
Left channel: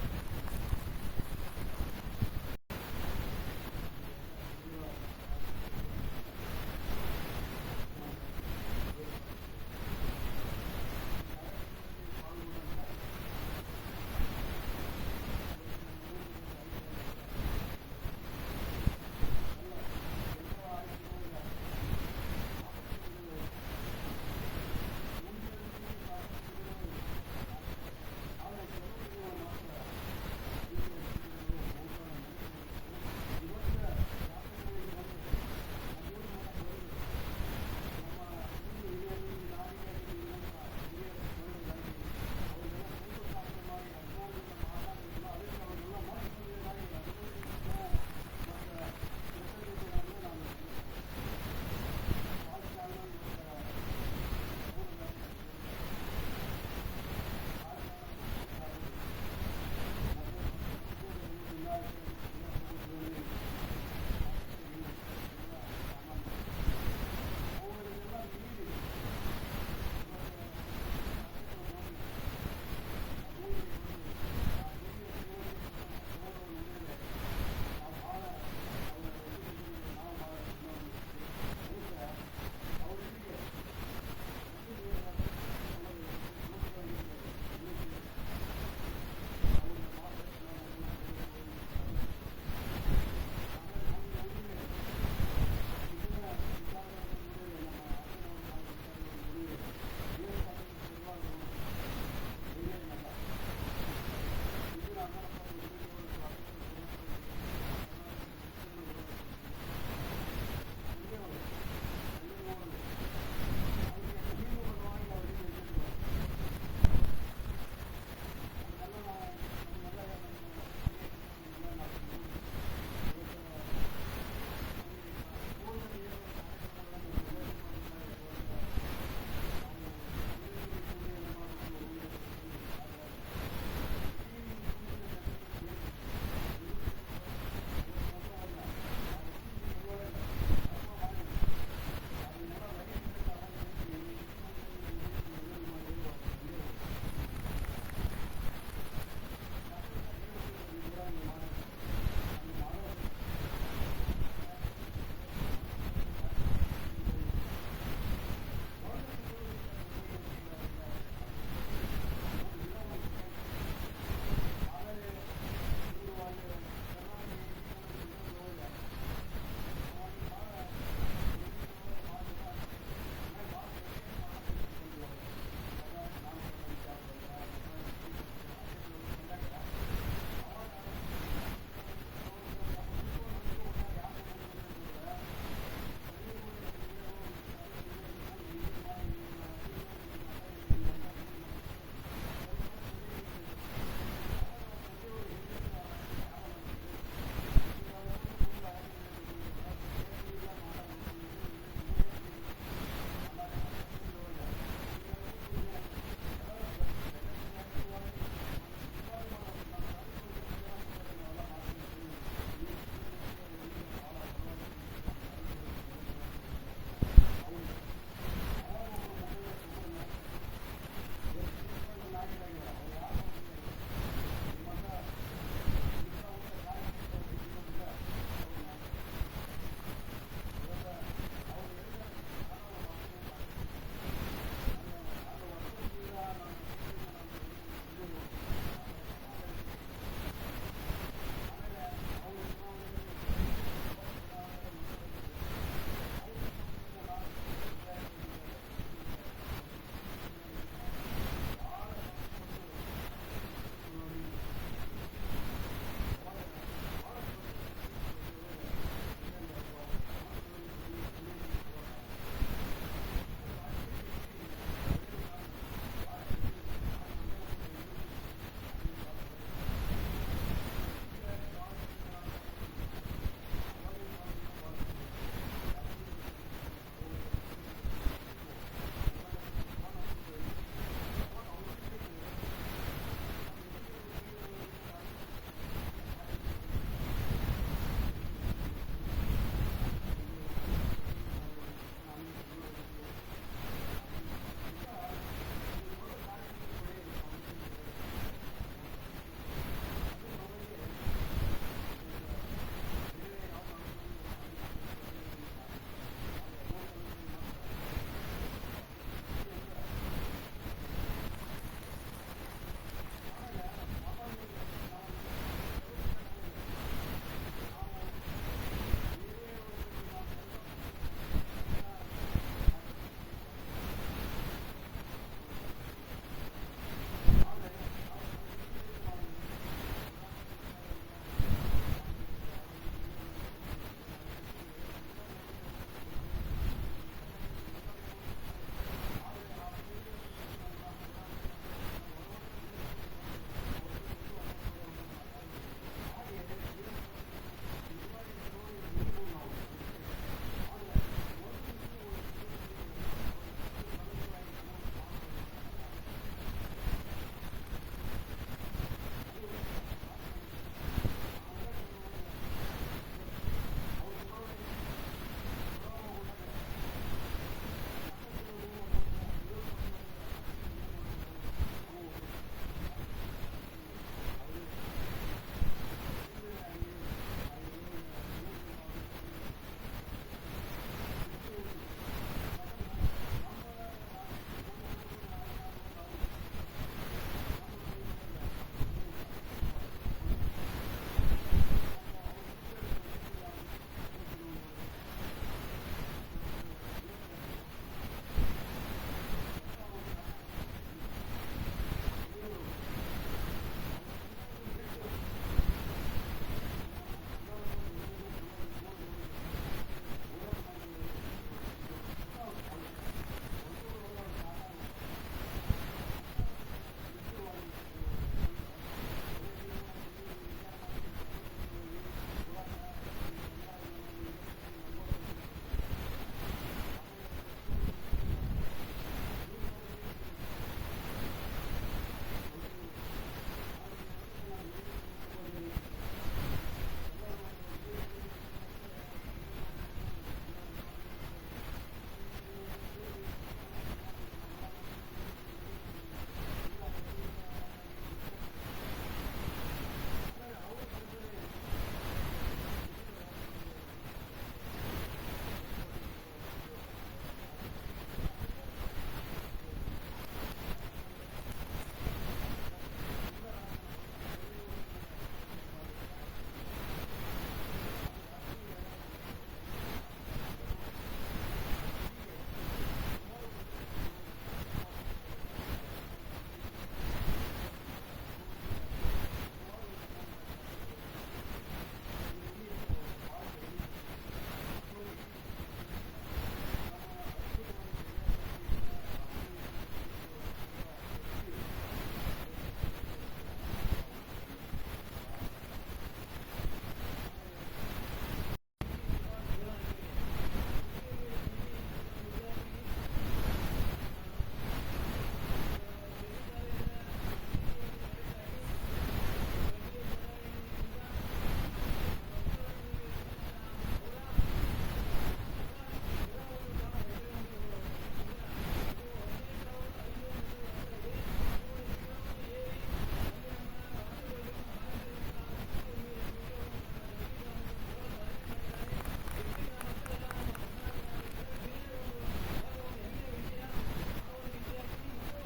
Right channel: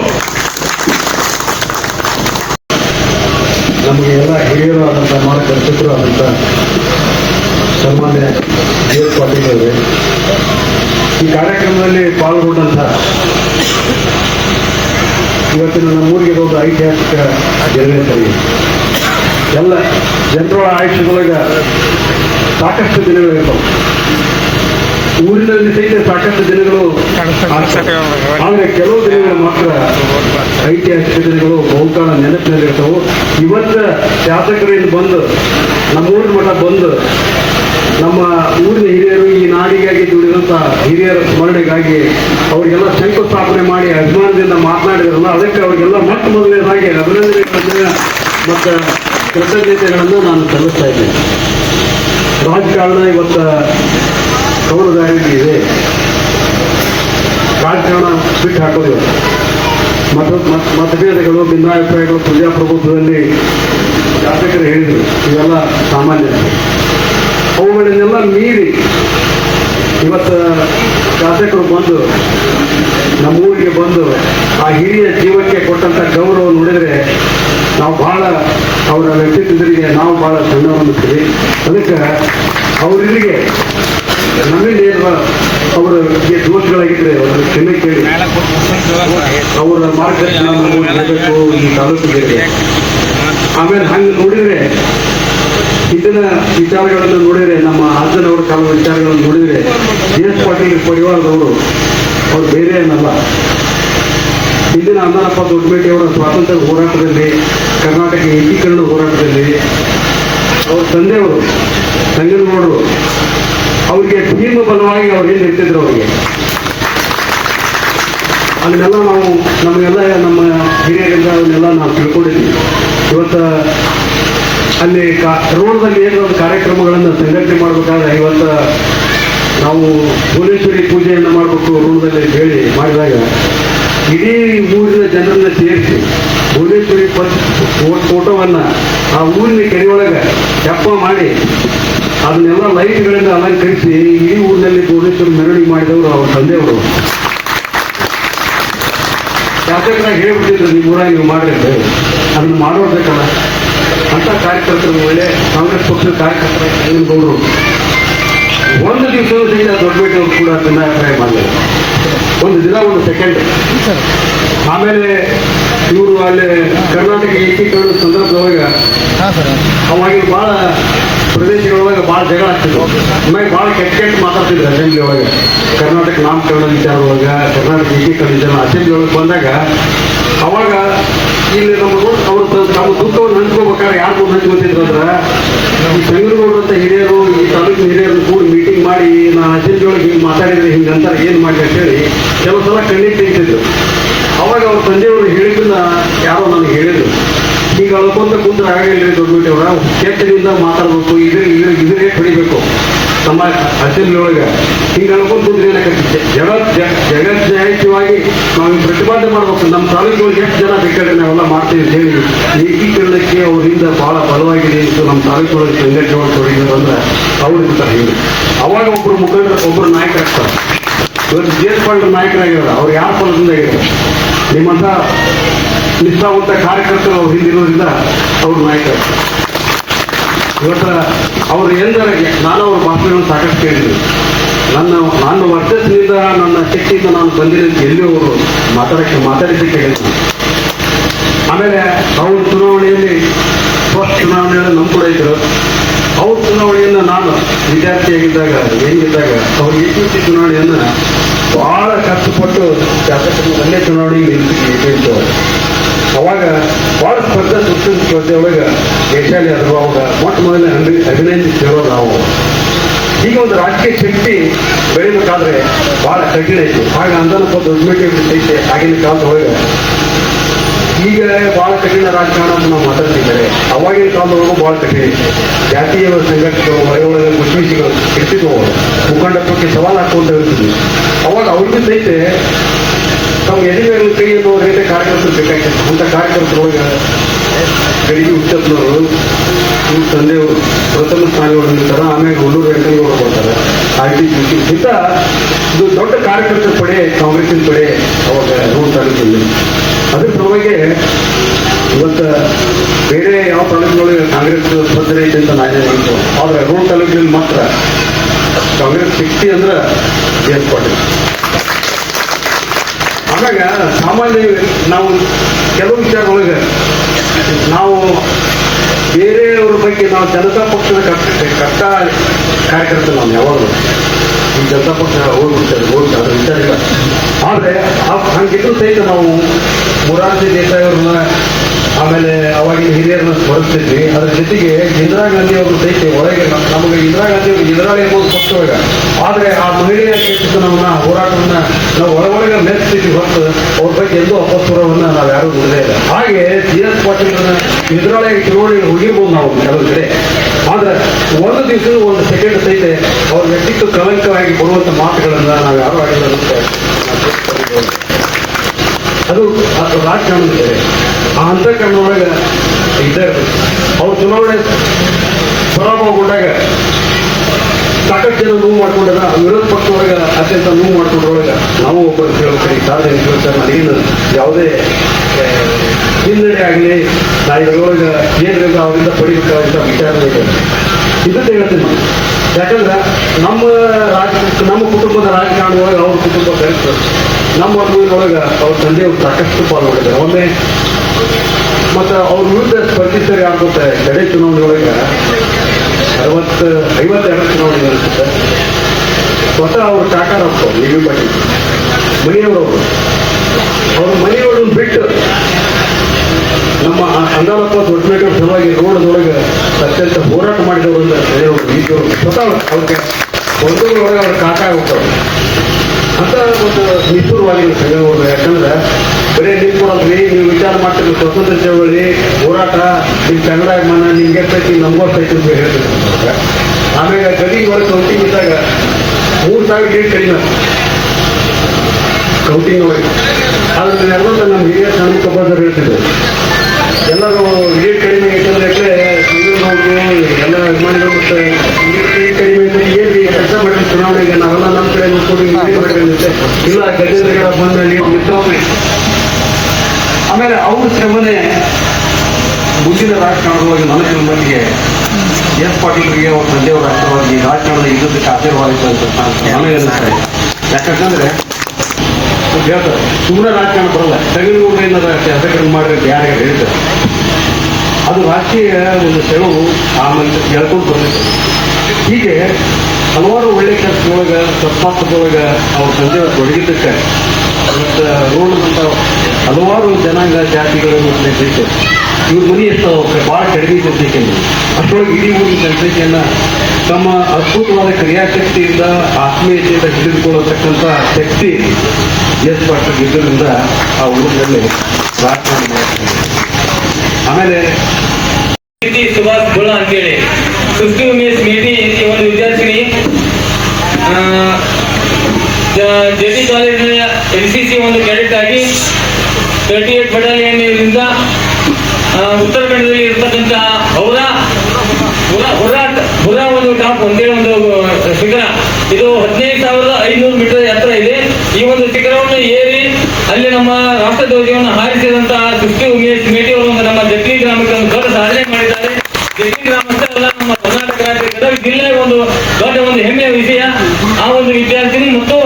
ನಮಗೆ ಎಲ್ಲ ಹಿರಿಯರು ಆದಂಥ ಮಾರ್ಗದರ್ಶಕರು ಆದಂಥ ಸನ್ಮಾನ್ಯ ಜಿ.ಎಸ್. ಪಾಟೀಲ್ ಅವರೇ, ಈ ಕಾರ್ಯಕ್ರಮದಲ್ಲಿ ಪಾಲ್ಗೊಂಡಂಥ ಇವತ್ತಿನ ನಮ್ಮೂರಿಗೆ ಒಂದು ಐತಿಹಾಸಿಕ ದಿನವೇ. ಎಲ್ಲ ಜನರ ಆಯುಷ್ಯದೊಳಗೆ ಸಾಕಷ್ಟು ದಿನಗಳು ಇರ್ತವೆ. ಊರಿನಲ್ಲಿ ಸಹಿತ ಸಾಕಷ್ಟು ದಿನಗಳು, ಆದರೆ ಕೆಲವು ದಿನಗಳು ಮಾತ್ರ ಐತಿಹಾಸಿಕ ದಿನಗಳು ಬಹುಕಾಲ ನೆನಪಿನಲ್ಲಿರ್ತವೆ. ಇವತ್ತು ಶಾಸಕರಿಂದ ಬಂದು ನಮ್ಮೂರಿನ ಮಠ ಬಂದು ನಮ್ಮ ಊರಿನ ಹಿರಿಯರು ಈ ನಾಡಿಗಾಗಿ ದುಡಿದಂಥ ಹಿರಿಯರ ಸ್ಮರಣೆಗಾಗಿ ಅವರಿಗೆಲ್ಲ ಶಂಕುಸ್ಥಾಪನೆ ಮಾಡಿ ಅಭಿಮಾನದಿಂದ ಮಾತನಾಡಿದ್ರಲ್ಲ, ಅದಕ್ಕೆ ಅವರಿಗೆಲ್ಲ ಮೊದಲನೇದಾಗಿ ಅಭಿನಂದನೆಗಳನ್ನು ಮತ್ತು ಕೃತಜ್ಞತೆಗಳನ್ನು ನಾನು ಸಲ್ಲಿಸ್ತಾ ಇದ್ದೇನೆ. ರಾಜಕಾರಣ ಇವತ್ತು ಕವಲುದಾರಿಯಲ್ಲಿ ಇದೆ. ರಾಜಕಾರಣ ಬಿಟ್ಟು ಹಾಕೋದು ಮತಭೇದಗಳು, ಭಿನ್ನಾಭಿಪ್ರಾಯಗಳು ಪ್ರಜಾಪ್ರಭುತ್ವದಲ್ಲಿ ಶಾಸಕರು ಹೇಳಿದರು, ಇವೆಲ್ಲ ಸಾಮಾನ್ಯ. ಅವುಗಳನ್ನೆಲ್ಲ ಮೀರಿ ಇವತ್ತು ಶಾಸಕರು ಬಂದು ನಮ್ಮೂರಿಗೆ ಬಂದು ಆ ಹಿರಿಯ ಜೀವಕ್ಕೆ ಕೊಟ್ಟಂಥ ಗೌರವ ನೋಡಿದರೆ ನಾವು ಬಹಳ ಅವರ ವ್ಯಕ್ತಿತ್ವದರಿಗೆ ನಾವು ಬಹಳ ಸಣ್ಣವನ್ನಿಸ್ತೀವಿ. ಅದಕ್ಕೆ ಅವರಿಗೆ ನಮ್ಮಿಂದ ಅವರಿಗೆ ದೋಷಗಳಾಗಿದ್ರೆ ಅವರ ಕ್ಷಮೆ ಕೇಳಿ ಅವರ ಮಾರ್ಗದರ್ಶನ ಮಾಡಬೇಕು ಈ ತಾಲೂಕಿಗೆ. ಆಮೇಲೆ ಹಂಗೆ ನೋಡಿದರೆ ಇದನ್ನ ವಿಚಾರಗಳನ್ನು ನೋಡಿದರೆ, ನಮ್ಮ ಅಜ್ಜನವರ ಕಾಲದ ವಿಚಾರಗಳನ್ನು ನೋಡಿದರೆ ಜಿ.ಎಸ್. ಪಾಟೀಲ್ ಪರಿವಾರದವರು ಅವ್ರು ಬೇರೆ ಏನಲ್ಲ. ಇಂದಿನ ಅಂದಾನಪ್ಪ ದೊಡ್ಡಬೇಟಿಯವರ ಸ್ವಾತಂತ್ರ್ಯ ಹೋರಾಟದಲ್ಲಿ, ಕರ್ನಾಟಕ ಏಕೀಕರಣ ಹೋರಾಟದಲ್ಲಿ ಅವ್ರ ತಂದೆಯವರು ಸಂಗನಗೌಡರು ಅವರಿಗೆ ಭೀಮ ಬಲವಾಗಿ ಅವ್ರು ಏನು ಇರ್ತಿದ್ರು. ಅವರಿಗೆ ಅದನ್ನೆಲ್ಲ ನಾವು ನಮಗೆಲ್ಲ ನಮ್ಮ ಹಿರಿಯರಿಂದ ಅವನ್ನೆಲ್ಲ ನಾವು ತಿಳ್ಕೊಂಡಿದ್ದೀವಿ. ಇವತ್ತು ಅಲ್ಲಿ ರೋಡ್ದಲ್ಲಿ ಏನೊಂದು ಕಾರ್ಯಕ್ರಮಗಳನ್ನು ಸಂಘಟನೆ ಮಾಡಬೇಕಾದ್ರೆ ಇವತ್ತು ನಾವು ಭುವನೇಶ್ವರಿ ಪೂಜೆಯನ್ನು ಮಾಡಬೇಕು ರೋಡ್ದಲ್ಲಿ ಹೇಳಿ ಮಾಡಿದಾಗ ಇಡೀ ಊರಿನ ಜನರನ್ನ ಸೇರಿಸಿ ಭುವನೇಶ್ವರಿ ಫೋಟೋವನ್ನು ಆ ಊರಿನ ಕೆರೆಯೊಳಗೆ ತೆಪ್ಪ ಮಾಡಿ ಅದನ್ನೆಲ್ಲ ಲೈಟ್ಗಳಿಂದ ಅಲಂಕರಿಸಿ ಇಡೀ ಊರಿನಲ್ಲಿ ಭುವನೇಶ್ವರಿ ಮೆರವಣಿಗೆ ಮಾಡಿದವರು ಅವ್ರ ತಂದೆಯವರು. ಶಾಸಕರಾಗಿ ಹೇಳ್ಬಿಟ್ಟಿದ್ರು, ನೀವು ಊರಾಗಿ ನೀವು ಮಾಡಿದ್ರೆ ಅದನ್ನು ಮಾಡೋರ್ಬೇಕಲ್ಲ ಅಂತ ಕಾರ್ಯಕರ್ತರು, ಒಳ್ಳೆ ಕಾಂಗ್ರೆಸ್ ಪಕ್ಷದ ಕಾರ್ಯಕರ್ತರ ಸಂಗನಗೌಡರು ಒಂದು ದಿವಸವೂ ಸಹಿತ ದೊಡ್ಡಬೇಟೆಯವರು ಕೂಡ ಭಿನ್ನಾಭಿಪ್ರಾಯ ಮಾಡಲಿಲ್ಲ. ಒಂದು ದಿನ, ಒಂದು ಸೆಕೆಂಡ್. ಆಮೇಲೆ ಇವರು ಅಲ್ಲಿ ಕರ್ನಾಟಕ ಏಕೀಕರಣದ ಸಂದರ್ಭದೊಳಗೆ ಅವಾಗಿನ ಭಾಳ ಪ್ರದೇಶಗಳೊಳಗೆ ಭಾಳ ಜಗಳ ಆಗ್ತಿದ್ವು. ಆಮೇಲೆ ಭಾಳ ಕೆಟ್ಟ ಮಾತಾಡ್ತಿದ್ರು ಅಸೆಂಬ್ಲಿ ಒಳಗೆ. ಕರ್ನಾಟಕ ನಾಮಕರಣ ವಿಚಾರದೊಳಗೆ, ಕರ್ನಾಟಕ ಏಕೀಕರಣ ವಿಚಾರ ಅಸೆಂಬ್ಲಿ ಒಳಗೆ ಬಂದಾಗ ಅವಾಗ ಇಲ್ಲಿ ನಮ್ಮ ಅವರು ತಮ್ಮ ದುಃಖವನ್ನು ಹಂಚ್ಕೋಬೇಕಾದ್ರೆ ಯಾರು ಮುಂದೆ ಹಂಚ್ಕೊತಿದ್ರು ಅಂದ್ರೆ ಈ ಸಂಗನಗೌಡರಂತ ಹಿರಿಯರು, ಈ ತಾಲೂಕಿನ ಹಿರಿಯರನ್ನು ಕೂಡ ಮೀಟಿಂಗ್ ಮಾಡಿ ನಾನು ಅಸೆಂಬ್ಲಿ ಒಳಗೆ ಹಿಂಗೆ ಮಾತಾಡಿದ್ರೆ ಹಿಂಗಂತಾರೆ ಏನು ಮಾಡಿ ಅಂತೇಳಿ ಕೆಲವು ಸಲ ಕಣ್ಣಿಗೆ ತೆಗಿತಿದ್ರು. ಅವಾಗ ಅವ್ರ ತಂದೆಯವರು ಹೇಳಿದ್ದನ್ನ ಯಾರೋ ನನಗೆ ಹೇಳಿದ್ರು, ಈಗ ಅಳ್ಕೊಂತ ಕುಂದ್ರೆ ಆಗಿಲ್ಲ ದೊಡ್ಡಬಿಟ್ಟವ್ರ ಕೆಟ್ಟದಿಂದ ಮಾತಾಡಬೇಕು, ಇದ್ರೆ ಹೊಡಿಬೇಕು. ತಮ್ಮ ಅಸೆಂಬ್ಲಿ ಒಳಗೆ ಹಿಂಗೆ ಅನ್ಕೊಂತಿದ್ರೆ ಏನಾಗತ್ತೆ, ಜಗಜ್ಜಾಹಿತವಾಗಿ ನಾವು ಪ್ರತಿಪಾದನೆ ಮಾಡ್ಬೇಕು. ನಮ್ಮ ತಾಲೂಕಿಗೆ ಎಷ್ಟು ಜನ ಬೇಕಾದ್ರೆ ನಾವೆಲ್ಲ ಮಾಡ್ತೀವಿ ಅಂತ ಹೇಳಿ ಏಕೀಕರಣಕ್ಕೆ ಅವರಿಂದ ಬಹಳ ಬಲವಾಗಿದೆ ಅಂತ ನಮ್ಮ ತಾಲೂಕಿನೊಳಗೆ ಸಂಘಟನೆ ತೊಡಗಿದ್ರು ಅಂದ್ರೆ ಅವ್ರು ಇರ್ತಾರೆ. ಹಿಂಗೆ ಅವಾಗ ಒಬ್ಬರು ಮುಖಂಡರು, ಒಬ್ಬರು ನಾಯಕರಾಗ್ತಾರೆ. ಇವತ್ತು ಜೇಸ್ಪಾಳ್ರ ನಾಯಕರಾಗಿರೋದು ಅವ್ರು ಯಾರ ಫಲದಿಂದ ಆಗಿರೋದು, ನಿಮ್ಮಂಥ ನಿಷ್ಠಾವಂತ ಕಾರ್ಯಕರ್ತರು ಅವ್ರು ಹಿಂದಿರೋದ್ರಿಂದ ಅವ್ರು ನಾಯಕರಾಗ್ತಾರೆ. ಇವತ್ತು ಅವರು ಎಂದರೆ ನಾನು ಅವ್ರ ಭಾಷೆಗಳನ್ನು ಸಾಕಷ್ಟು ಕೇಳಿದ್ದೀನಿ. ನನ್ನ ವರ್ಚಸ್ಸಿನಿಂದ ನನ್ನ ಶಕ್ತಿಯಿಂದ ನಾನು ಬಂದಿರೋದು ಎಲ್ಲಿ ಅವರು ಮಾತಾಡಿದ್ದಕ್ಕೆ ಹೇಳ್ತೀನಿ. ಆಮೇಲೆ ಅವ್ರ ಚುನಾವಣೆಯಲ್ಲಿ ಫಸ್ಟ್ ಚುನಾವಣೆಯಲ್ಲಿ ನಮ್ಮ ಕೂಡ ಇದ್ರು. ಅವ್ರ ಚುನಾವಣೆಯನ್ನು ನಾನು ವಿದ್ಯಾರ್ಥಿಯಾಗಿದ್ದಾಗ ಏನಿದ್ದಾಗ ಅವ್ರ APC ಚುನಾವಣೆಯನ್ನು ಭಾಳ ಕಷ್ಟಪಟ್ಟು ಶಾಸಕರು ಒಂದೇ ಚುನಾವಣೆಗೆ ನಿಲ್ಲಿಸಿದ್ರು. ಅವಾಗ ಭಾಳ ಸ್ಪರ್ಧೆ ಒಳಗೆ ಯಶಾಲಿ ಆದರು. ಅವಾಗ ಮೊಟ್ಟ ಮೊದಲನೇ ಅಭಿನಂದಿಸಿರೋ ನಾವು. ಈಗ ಒಂದು ರಾಜಕೀಯ ಶಕ್ತಿ ಬೆಳಿಬೇಕಾದ್ರೆ ಭಾಳ ಕಠಿಣ ಐತಿ. ಆಗ ಅಂದನಪ್ಪ ದೊಡ್ಡ ಮೀಟಿಂಗ್ ಐತೆ ಆಗಿನ ಕಾಲದೊಳಗೆ. ಈಗ ಭಾಳ ಕಠಿಣ ರಾಜಕಾರಣ ಅಂತ ನಾವು ಮಾತಾಡ್ತಿದ್ದಾರೆ. ಅವಾಗಿನ ಕಾಲದೊಳಗೂ ಭಾಳ ಕಠಿಣ ಐತಿ. ಜಾತೀಯ ಸಂಘಟನೆಗಳು ಹೊರಗೊಳಗೆ ಮುಖ್ಯಮಂತ್ರಿಗಳು ಇರ್ತಿದ್ವು. ಮುಖಂಡತ್ವಕ್ಕೆ ಸವಾಲು ಹಾಕುವಂತ ಇರ್ತಿದ್ವಿ. ಅವಾಗ ಅವ್ರಿಗೆ ಸಹಿತ ತಾವು ಎದಿಗಳು ಕೈ ಅನ್ನೋ ರೀತಿ ಕಾರ್ಯಕರ್ತರು ಬೇಕಾಗ್ತದೆ. ಅಂಥ ಕಾರ್ಯಕರ್ತರೊಳಗೆ ಗಡಿಗೆ ಉಚ್ಚಪ್ಪನವರು, ಇವ್ರ ತಂದೆಯವರು ಪ್ರಥಮ ಸ್ಥಾನಗಳು ನಿಲ್ತಾರೆ. ಆಮೇಲೆ ಹುಲ್ಲೂರು ವೆಂಕಟೇಗೌಡರು ಬರ್ತಾರೆ. RTPC ಇಂಥ ಇದು ದೊಡ್ಡ ಕಾರ್ಯಕರ್ತರ ಪಡೆ, ಕಾಂಗ್ರೆಸ್ಸಿನ ಪಡೆ ಅವಾಗ ರೂಢ ತಾಲೂಕಿನಲ್ಲಿ. ಅದ್ರ ಸಲುವಾಗಿ ಇವತ್ತು ಬೇರೆ ಯಾವ ತಾಲೂಕಿನೊಳಗೆ ಕಾಂಗ್ರೆಸ್ ಸ್ಪರ್ಧೆ ಐತೆ ಅಂತ ನಾನೇ ಹೇಳ್ತು. ಆದರೆ ರೂಢ ತಾಲೂಕಿನಲ್ಲಿ ಮಾತ್ರ ಕಾಂಗ್ರೆಸ್ ಶಕ್ತಿ ಅಂದ್ರೆ JS ಪಾಟೀಲ್. ಆಮ್ಯಾಗ ಸಾಮಾನ್ಯ ನಾವು ಕೆಲವು ವಿಚಾರದೊಳಗೆ ನಾವು ಬೇರೆಯವ್ರ ಬಗ್ಗೆ ನಾವು ಜನತಾ ಪಕ್ಷದ ಕಟ್ಟ ಕಾರ್ಯಕರ್ತರು ನಾವು ಯಾವಾಗಲೂ ಈ ಜನತಾ ಪಕ್ಷ ಹೋಗ್ಬಿಡ್ತಾರೆ ಅದ್ರ ವಿಚಾರ ಇಲ್ಲ. ಆದರೆ ಹಂಗಿದ್ರು ಸಹಿತ ನಾವು ಮೊರಾರ್ಜಿ ದೇಸಾಯಿ ಅವ್ರನ್ನ, ಆಮೇಲೆ ಅವಾಗಿನ ಹಿರಿಯರನ್ನ ಸ್ಮರಿಸ್ತಿದ್ವಿ. ಅದ್ರ ಜೊತೆಗೆ ಇಂದಿರಾ ಗಾಂಧಿ ಅವರು ಸಹಿತ ಒಳಗೆ ನಮಗೆ ಇಂದಿರಾ ಗಾಂಧಿ ಅವರು ಎದುರಾಳಿ ಇರ್ಬೋದು ಪಕ್ಷವಾಗ. ಆದರೆ ಆ ಮಹಿಳೆಯ ಕ್ಷೇತ್ರವನ್ನ ಹೋರಾಟವನ್ನ ನಾವು ಒಳಗೊಳಗೆ ಮೆಚ್ಚಿದ್ವಿ ಹೊತ್ತು ಅವ್ರ ಬಗ್ಗೆ ಎಂದೂ ಅಪಸ್ವರವನ್ನ ನಾವು ಯಾರೂ ನೋಡಲೇ ಇಲ್ಲ. ಹಾಗೆ JS ಪಾಟೀಲ್ರನ್ನ ಎದುರಾಳಿ ಚುನಾವಣೆಗೆ ಹೋಗಿರ್ಬೋದು ನಾವು ಕೆಲವು ಕಡೆ. ಆದ್ರೆ ಒಂದು ದಿವಸ ಒಂದು ಸೆಕೆಂಡ್ ಸಹಿತ ಅವ್ರ ವ್ಯಕ್ತಿತ್ವ ಕಳಂಕವಾಗಿ ಬರುವಂತ ಮಾತುಗಳನ್ನ ನಾವು ಯಾರು ಆಡಿಲ್ಲ ಅಂತ ಅದು ರಾಜಕಾರಣದ ಬೇರೆ. ಆ ಅಂತಃಕರಣದೊಳಗೆ ಇದ್ದೇ ಇರ್ತದೆ. ಅವ್ರು ಚುನಾವಣೆ ಪರಾಭವಗೊಂಡಾಗ ಸಾಕಷ್ಟು ಜನ ನೋವು ಮಾಡ್ಕೊಂಡಾಗ ವಿರೋಧ ಪಕ್ಷದೊಳಗೆ ಅತ್ಯಂತ ನೋವು ಮಾಡ್ಕೊಂಡ್ರೊಳಗೆ ನಾವು ಒಬ್ಬರು ಕೇಳ್ತಾರೆ, ಸಾರ್ವಜನಿಕ ಕೇಳ್ತಾರೆ. ನನಗೇನು ಯಾವುದೇ ಹಿನ್ನಡೆ ಆಗಲಿ, ನಾ ಇದರೊಳಗೆ ಏನಿಲ್ಲ ಅವರಿಂದ ಪಡಿಬೇಕಾದಂಥ ವಿಚಾರ ಇದೆ ಇದನ್ನು ಹೇಳ್ತೀನಿ ನಾನು. ಯಾಕಂದ್ರೆ ನಮ್ಮ ಕುಟುಂಬದ ರಾಜಕಾರಣದೊಳಗೆ ಅವ್ರ ಕುಟುಂಬ ಬೆಳೆಸ್ತದೆ. ನಮ್ಮ ಅನುಭವದೊಳಗೆ ಅವ್ರ ತಂದೆಯವರು ಸಾಕಷ್ಟು ಪಾಲ್ಗೊಂಡಿದ್ದಾರೆ. ಒಮ್ಮೆ ಮತ್ತು ಅವ್ರ ವಿರುದ್ಧ ಸ್ಪರ್ಧಿಸರಿ ಆಗುತ್ತೆ. ಕಡೆ ಚುನಾವಣೆಯೊಳಗೆ 52 ಚುನಾವಣೆ ಇರುತ್ತೆ. ಸ್ವತಃ ಅವ್ರ ಕಾಕಾರಪ್ಪ EV ಪಾಟೀಲ್ ಮನೆಯವರವರು, ಅವ್ರ ಮನೆಯವ್ರನ್ನ ಬಿಟ್ಟು ನಮ್ಮ ಅಂಗಾಲಪ್ಪ ದೊಡ್ಡಮೇಗೌಡ ಸಲುವಾಗಿ ರೋಡದೊಳಗೆ ಅತ್ಯಂತ ಹೋರಾಟ ಮಾಡಿದವರು ಇದ್ದವರು ಸ್ವತಃ ಅವ್ರಿಗೆ ಒಂದೊಳಗೆ ಅವ್ರ ಕಾಕ ಹೋಗ್ತಾರೆ ಅಂತ ಒಂದು ನಿಷ್ಠುರವಾಗಿರೋ ಸಂಘವರು. ಯಾಕಂದ್ರೆ ಬರೀ ನೀವು ಕೊಡೋದ್ರಿ, ನೀವು ವಿಚಾರ ಮಾಡ್ತೀರಿ ಸ್ವತಂತ್ರ ಚಳವಳಿ ಹೋರಾಟ, ನಿಮ್ಮ ಕನ್ನಡ ಅಭಿಮಾನ ನಿಮ್ಗೆ ಎಷ್ಟೈತಿ ನಮಗೂ ಅಷ್ಟೈತಿ ಅಂತ ಹೇಳ್ತಿದ್ರು. ಆಮೇಲೆ ಗದಿಗೆ ಒಳಗೆ ಕೌಂಟಿಂಗ್ ಇದ್ದಾಗ 3,000 ಡೇಟ್ ಕಡಿಮೆ ಕೌಂಟಿಂಗ್ ಒಳಗೆ. ಆದ್ರೆ ಎಲ್ಲ ನಮ್ಮ ಹಿರಿಯ ಷಣ್ಮುಖ ಬದ್ಧರು ಹೇಳ್ತಿದ್ರು, ಎಲ್ಲರೂ ಡೇಟ್ ಕಡಿಮೆ ಐತಂದ್ರೆ ಎಲ್ಲ ಅಭಿಮಾನಿಗಳು ಮತ್ತು ಡೇಟ್ ಕಡಿಮೆ ಐತೆ ಏನು ಕೆಲಸ ಮಾಡಿದ್ರೆ ಚುನಾವಣೆಗೆ ನಾವೆಲ್ಲ ನಮ್ಮ ಕಡೆ ನೋಡ್ಕೊಂಡು ಇಲ್ಲ ಗಜೇಂದ್ರಗಳ ಬಂದ ನೀವು ನಿಂತವೇ. ಆಮೇಲೆ ಅವ್ರ ಶ್ರಮನೆ ಮುಂದಿನ ರಾಜಕಾರಣವಾಗಿ ನನಗೆ ಮಂದಿಗೆ JS ಪಾಟೀಲ್ರಿಗೆ ಅವ್ರ ತಂದೆಯವರ ರಾಷ್ಟ್ರವಾಗಿ ರಾಜಕಾರಣದ ಇದ್ದಕ್ಕೆ ಆಶೀರ್ವಾದ ನನಗೆ ಅನಿಸ್ತಾರೆ. ಯಾಕಂತಂದ್ರೆ ಹೇಳ್ತಾರೆ ಸುಮ್ಮನೆ ರಾಜಕಾರಣ ಬರಲ್ಲ, ತೆಗೆದುಕೊಂಡು ಶಾಸಕರು ಮಾಡಿದ್ರೆ ಯಾರಿಗೆ ಹೇಳ್ತಾರೆ. ಅದು ರಾಜಕೀಯ ಒಂದು ಸೆಳವು ಆಮೇಲೆ ಹೇಳ್ಕೊಂಡು ಬಂದಿತ್ತು. ಹೀಗೆ ಹಲವಾರು ಒಳ್ಳೆ ಕೆಲಸದೊಳಗೆ ಸತ್ಪಾತ್ರದೊಳಗೆ ಅವ್ರ ತಂದೆಯವರು ತೊಡಗಿದ್ದಕ್ಕೆ ಮತ್ತು ರೋಡ್ನಂಥ ಹಲವಾರು ಜನಾಂಗ ಜಾತಿಗಳನ್ನು ನಡೆಸೈತೆ. ಇವ್ರ ಮನೆ ಎಷ್ಟು ಭಾಳ ಕಡಿಮೆ ಇದ್ದಕ್ಕೆ ಅಷ್ಟರೊಳಗೆ ಇಡೀ ಊರಿನ ಜನಸಂಖ್ಯೆಯನ್ನು ತಮ್ಮ ಅದ್ಭುತವಾದ ಕ್ರಿಯಾಶಕ್ತಿಯಿಂದ ಆತ್ಮೀಯತೆಯಿಂದ ಹಿಡಿದುಕೊಳ್ಳತಕ್ಕಂಥ ಶಕ್ತಿ JS ಪಾಟೀಲ್ ಇದ್ದರಿಂದ ಆ ಊರಿನಲ್ಲಿ ರಾಜಕಾರಣ ಮಾಡ್ತಾರೆ. ಆಮೇಲೆ ಸುಭಾಷ್ ಬುಳ ಅಂತೇಳಿ 50 ಉಮೇಶ್ ಮೇಟಿ ಒಂದು ವಿದ್ಯಾರ್ಥಿನಿ ಬಟಾಲಿಯನ್ನಿಂದ ಉತ್ತರಾಖಂಡದಲ್ಲಿ ಇರ್ತಕ್ಕಂಥ ಹುರಾ ಒಂದು ಟಾಪ್ ಒಂದೇ ಒಂದು ಶಿಖರ, ಇದು 15,500 ಮೀಟರ್ ಎತ್ತರ ಇದೆ. ಈ ಒಂದು ಶಿಖರವನ್ನು ಏರಿ ಅಲ್ಲಿ ನಮ್ಮ ರಾಷ್ಟ್ರಧ್ವಜವನ್ನು ಹಾರಿಸಿದಂತಹ ಸೃಷ್ಟಿ ಉಮೇಶ್ ಮೇಟಿ ಅವರು ನಮ್ಮ ಜಟ್ಲಿ ಗ್ರಾಮಕ್ಕೆ ಒಂದು ದೊಡ್ಡ ಸಾಧನೆ ಮಾಡಿದ್ದಾರೆ. ಜಟ್ಲಿ ಗ್ರಾಮಸ್ಥರೆಲ್ಲ ನಮ್ಮ ಕರ್ನಾಟಕ ರಾಜ್ಯ ಗದಗ ಜಿಲ್ಲೆಯ ಒಂದು ದೊಡ್ಡ ಒಂದು ಹೆಮ್ಮೆಯ ವಿಷಯ. ಆ ಒಂದು ವಿದ್ಯಾರ್ಥಿನಿ ಮತ್ತು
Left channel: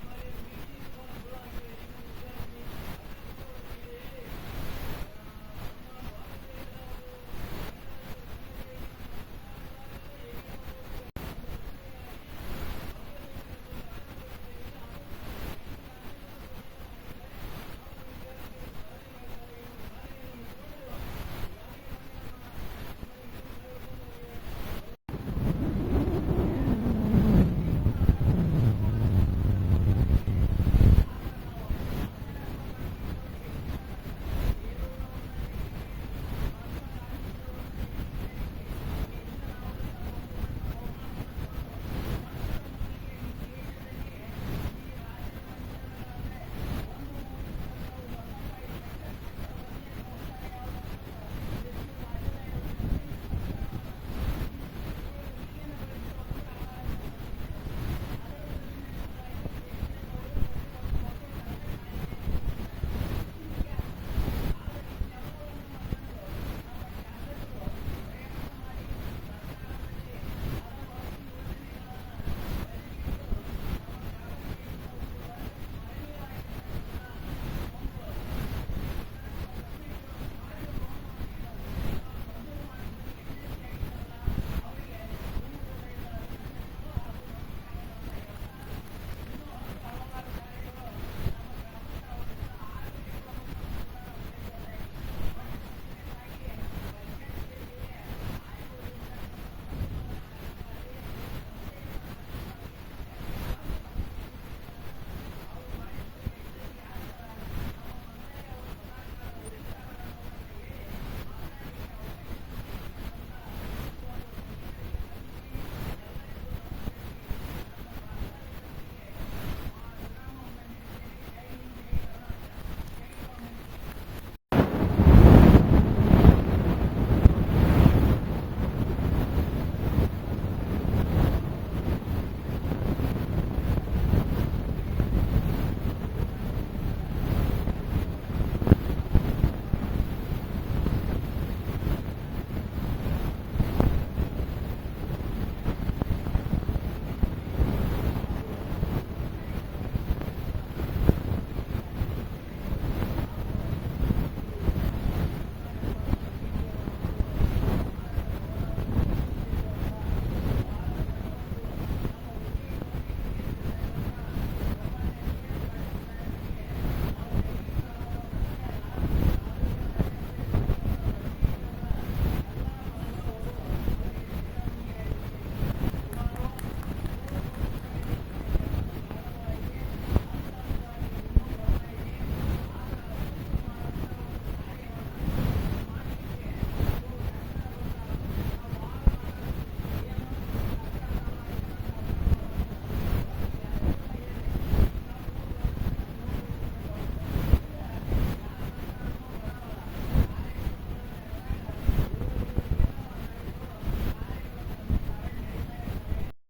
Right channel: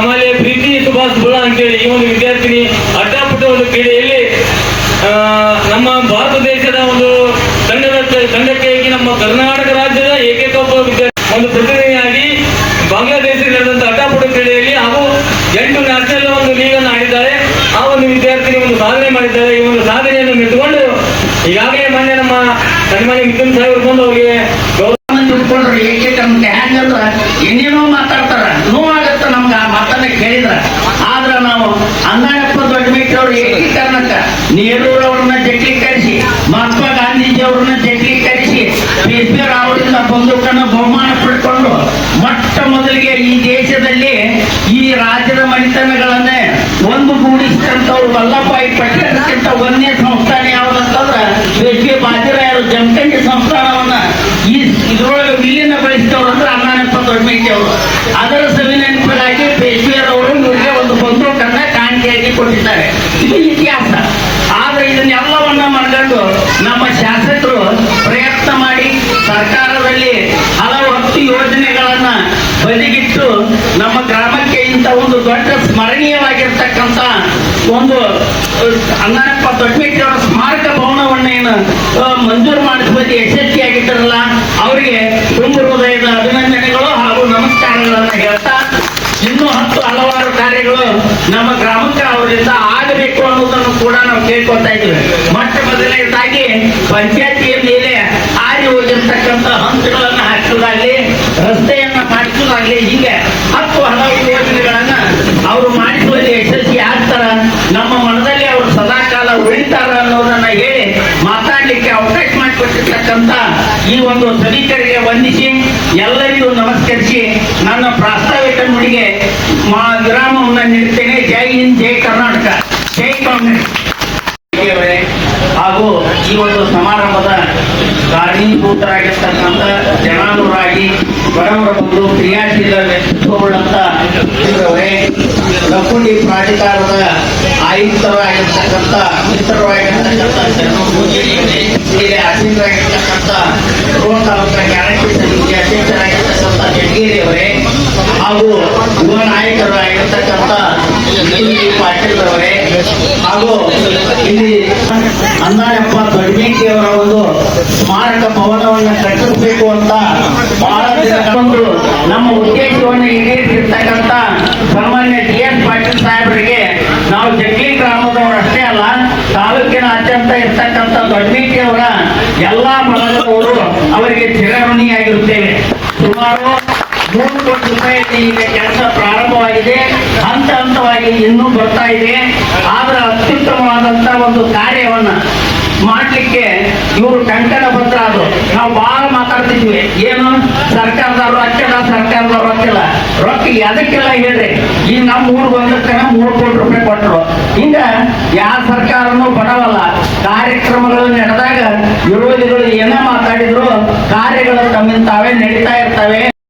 ಆಮೇಲೆ ಪ್ರೀತಿ ಸುಭಾಷ್ ಬುಳ ಅಂತೇಳಿ ಈ ಒಂದು ವಿದ್ಯಾರ್ಥಿನಿ ಅಡ್ಡಾಪುಟ್ಟ ಒಂದು ಕ್ರೀಡೆಯಲ್ಲಿ ನಮ್ಮ ಭಾರತ ದೇಶದ ಒಂದು ತಂಡಕ್ಕೆ ನಮ್ಮ ಕರ್ನಾಟಕ ರಾಜ್ಯದ ಏಕೈಕ ಒಂದು ಪ್ರತಿನಿಧಿಯಾಗಿ ಬಾಂಗ್ಲಾದೇಶದಲ್ಲಿ ನಡೆದಂತ ಅಡ್ಡಾಪುಟ್ಟ ಕ್ರೀಡೆಯಲ್ಲಿ ಹಾಗೂ 8 ನ್ಯಾಷನಲ್ ಒಂದು ಲೀಗ್ ಅನ್ನು ಆಡಿದ್ದಾರೆ. ಆ ಒಂದು ವಿದ್ಯಾರ್ಥಿನಿ ಒಂದು ಸಾಧನೆ ಮಾಡಿದ್ದಾರೆ. ಈ ಒಂದು ಸಾಧನೆಯನ್ನು ಮೆಚ್ಚಿಕೊಂಡು ಈಗಾಗಲೇ ಮೊನ್ನೆ ನಮ್ಮ ಸನ್ಮಾನ್ಯ ಮಿಥುನ್ ಸಾಹೇಬರು ಬಂದು ಅವರಿಗೆ ತಿಳ್ಕೊಂಡ್ರು. ಏಕೈಕಂತೆ ಹೆಂಗಂದ್ರ ಏನೇನೋ ಮಾತಾಡ್ತಾರ, ನೋವಾಗತ್ತ ನಮ್ಗೆ ಆ ಮಾತನ್ನ ಕೇಳಿದ್ರ. ಆದ್ರ ನಾವು ಅಂದಾಯಪ್ಪ ದೊಡ್ಡ ಮೇಟಿ ಅವ್ರು ಏಕೀಕರಣಕ್ಕ ನೆಹರೂರವ್ರನ್ನ ಜಟ್ಲೀಕರಿಸಿ, ಮಹಾತ್ಮ ಗಾಂಧೀಜಿ ಅವ್ರನ್ನ ಜಟ್ಲೀಕರಿಸಿ, ಬೇಸ್ಬೇರ್ ಅವರಿಂದ ಬಂದೂಕನ್ನು ಬಹುಮಾನ ಪಡ್ಕೊಂಡು ಮೊಟ್ಟ ಮೊದಲಿಗೆ ಈ ದೇಶದಲ್ಲಿ ಈ ರಾಜ್ಯದ ಮನೆತನಗಳನ್ನೇ ಒಂದು ಗೂಡಿಸಿದಂಥವ್ರು ವಲ್ಲಭಾಯಿ ಪಟೇಲ್ಗಿಂತ ಒಂದನೇ ಸಂಸ್ಥಾನ ಯಾವ್ದಂತಂದ್ರ ಬೇಸ್ಗೆ ಬಾಜಿರಾಯರು ಜಮಖಂಡಿ ಸಂಸ್ಥಾನವನ್ನ ಇದ್ರೊಳಗೆ ವಿಲೀನಗೊಳಿಸಿದವರು ಅಂದ್ರೆ ಅಣ್ಣಾನಪ್ಪ ದೊಡ್ಡಮೇಟಿ ಅವರು. ಅದರ ಸವಿನೆನಪಿಗಾಗಿ ಪೇಶ್ವೆಯರವರು ಇವರಿಗೆ ಒಂದು ಬಂದೂಕನ್ನ ಕಾಣಿಕೆಯಾಗಿ ಕೊಟ್ಟಿದ್ದಾರೆ. ಇದು ಇತಿಹಾಸ. ಆದ್ರೆ ಇದನ್ನೆಲ್ಲವನ್ನ ಮಾಡ್ಕೊಂಡು ನಮ್ಮ ಶಾಸಕರು ಪ್ರಯತ್ನ ಮಾಡಿ ಸರ್ಕಾರದಲ್ಲಿ ಹಲವು 10 ಯೋಜನೆಗಳನ್ನ ಬದಿಗಿಟ್ಟು ನಮ್ಮ ಗ್ರಾಮಕ್ಕೆ ಇಂಥ ಒಂದು ದೊಡ್ಡ ಸ್ಮರಣೀಯವಾಗಿರ್ತಕ್ಕಂಥ ಒಂದು ಅಣ್ಣಾನಪ್ಪ ದೊಡ್ಡಮೇಟಿ ಅವರ ಸ್ಮಾರಕ ಭವನವನ್ನೇನು ಮಂಜೂರು ಮಾಡಿಸುವಲ್ಲಿ ಯಶಸ್ವಿಯಾಗಿದ್ದಾರಲ್ಲ, ಅವರಿಗೆ ತುಂಬ ಹೃದಯದ ಅಭಿನಂದನೆಗಳು ಹಾಗೂ ನಮಸ್ಕಾರಗಳನ್ನು ಹೇಳ್ತಾ, ಇನ್ನೂ 10 ಹಲವಾರು ಕಾರ್ಯಗಳು ನಮ್ಮ ಗ್ರಾಮಕ್ಕೆ ಅವರಿಂದ ಆಗಬೇಕು ಅನ್ನೋದನ್ನು ಕೂಡ ನಾವು ಕೇಳ್ಕೊತಾ ಇದ್ದೀವಿ. ಮೊಟ್ಟ ಮೊದಲನೇದಾಗಿ ಪಂಚಾಯತಿಯ ಮೇಲೆ ಆರಿ ಹೋಗಿರ್ತಕ್ಕಂಥ ಹಂತಗಳನ್ನು ಹಾಕಿದಾಗಲಿ, ರಸ್ತೆಯನ್ನ ಮಾಡಿಸೋದಾಗ್ಲಿ, ಹೀಗೆ 10 ಹಲವು ಯೋಜನೆಗಳನ್ನ ಅವರು ಮಾಡಿಸುವಲ್ಲಿ ಯಶಸ್ವಿ ಆಗ್ತಾರ, ನಮ್ಮ ಮನದಲ್ಲಿ ಅವರು ಸದಾಕಾಲ ಉಳಿತಾರ ಅನ್ನೋದನ್ನ ಹೇಳಿ ಮಾತಾಡ್ಲಿಕ್ಕೆ ಅವಕಾಶ ಮಾಡಿಕೊಟ್ಟಿರ್ತಕ್ಕಂಥ ಈ ಒಂದು ಸಭಿಕರಿಗೆ ವಂದಿಸಿ ಎಲ್ಲರಿಗೂ ನಮಸ್ಕರಿಸಿ ನನ್ನ ಪ್ರಾಸ್ತಾವಿಕ ನುಡಿಗೆ ವಿರಾಮವನ್ನು ನೀಡುತ್ತೇನೆ. ಜೈ ಹಿಂದ್, ಜೈ ಕರ್ನಾಟಕ, ಜೈ ಕಾಂಗ್ರೆಸ್. ಹಾಗೂ ಈ ಒಂದು ಸಮಾರಂಭದ ಕಾರಣೀಭೂತರಾಗಿರ್ತಕ್ಕಂಥ ಜನಾನುರಾಗಿ ಬಡವರ ಒಂದು ಕ್ರಿಯಾಶೀಲ ವ್ಯಕ್ತಿತ್ವವುಳ್ಳಂತ ಲಕ್ಕುಂಡಿ ಪ್ರಾಧಿಕಾರದ ಆಯುಕ್ತರಾಗಿರ್ತಕ್ಕಂಥ ಮಿತ್ರರಾಗಿರ್ತಕ್ಕಂಥ ಅಧ್ಯಕ್ಷರಾಗಿರ್ತಕ್ಕಂಥ ರೋಣ ತಾಲೂಕಿನ ಗ್ಯಾರಂಟಿ ಸಮಿತಿ ಅಧ್ಯಕ್ಷರಾಗಿರ್ತಕ್ಕಂಥ ಜಡಗೇರಿ ಅವರೇ, ಹಾಗೂ ಯುವ ನಾಯಕರಾಗಿರ್ತಕ್ಕಂಥ ಪಾಟೀಲ್ ಅವರೇ, ಹಾಗೂ ಇಲ್ಲಿ ಅಣ್ಣಾನಪ್ಪ ದೊಡ್ಡಮೇಟಿ ಅವರ ಒಂದು ಸ್ಮಾರಕ ಭವನವನ್ನು ಕಟ್ಟಿಸಬೇಕು ಅಂತ ಬಹಳ ದಿನಗಳು ನಮ್ಮ ಉದ್ದೇಶವನ್ನು ಈಡೇರಿಸಿರ್ತಕ್ಕಂಥ ಸಾಮಾನ್ಯ DS ಪಾಟೀಲ್ ಸಾಹೇಬರಿಗೆ ನಾವು ಜಟ್ಲಿ ಗ್ರಾಮದವರಷ್ಟೇ ಅಲ್ಲ, ತಾಲೂಕಿನಾದ್ಯಂತ ಇರ್ತಕ್ಕಂಥ ದೊಡ್ಡಮೇಟಿ ಅವರ ಎಲ್ಲಾ ಬಳಗದವರು ಅವರಿಗೆ ಚಿರಋಣಿಯಾಗಿರುತ್ತೇವೆ. ಸುಮಾರು 3 ಕೋಟಿ ರೂಪಾಯಿಗೆ ಈಗ ಕೆಲಸ ಪ್ರಾರಂಭವಾಗಿದೆ. ಹಂತ ಹಂತವಾಗಿ ಇನ್ನೂ ಬರ್ತಾ ಇದೆ. ಆದ್ರೆ ಅತ್ಯುತ್ತಮವಾದಂತ ಒಂದು ಕಾರ್ಯವನ್ನ ಮಾಡ್ಲಿಕ್ಕೆ ಇವರು ಕಂಕಣ ಬದ್ಧ ಅದು. ನಾವು ಬಹಳ ಮಾತಾಡ್ತಿದ್ವಿ, ಏನು ಸರ್ಕಾರದವ್ರು ಹಾಕಿಲ್ಲ ರೊಕ್ಕ ಅದಕ್ಕೆಲ್ಲ ಹೇಳ್ರಿ. ಈಗ ನಮ್ಮ ಊರಿಗೆ ಒಂದಕ್ಕೆ 3 ಕೋಟಿ ರೂಪಾಯಿ ಕೊಟ್ಟರು. ಹಿಂಗ ಯಾವ ಸರ್ಕಾರನೂ ಬಡವಲ್ಲ. ಕಾರ್ಯಕ್ರಮಗಳು ನಡೆದಾಗ ವಿರೋಧಿಗಳು ಏನೇ ಮಾತಾಡಿದ್ರು ಕಾರ್ಯಗಳು ತಮ್ಮಿಂದ ತಾವೇ ನಡೀತಾ ಇರ್ತವೆ.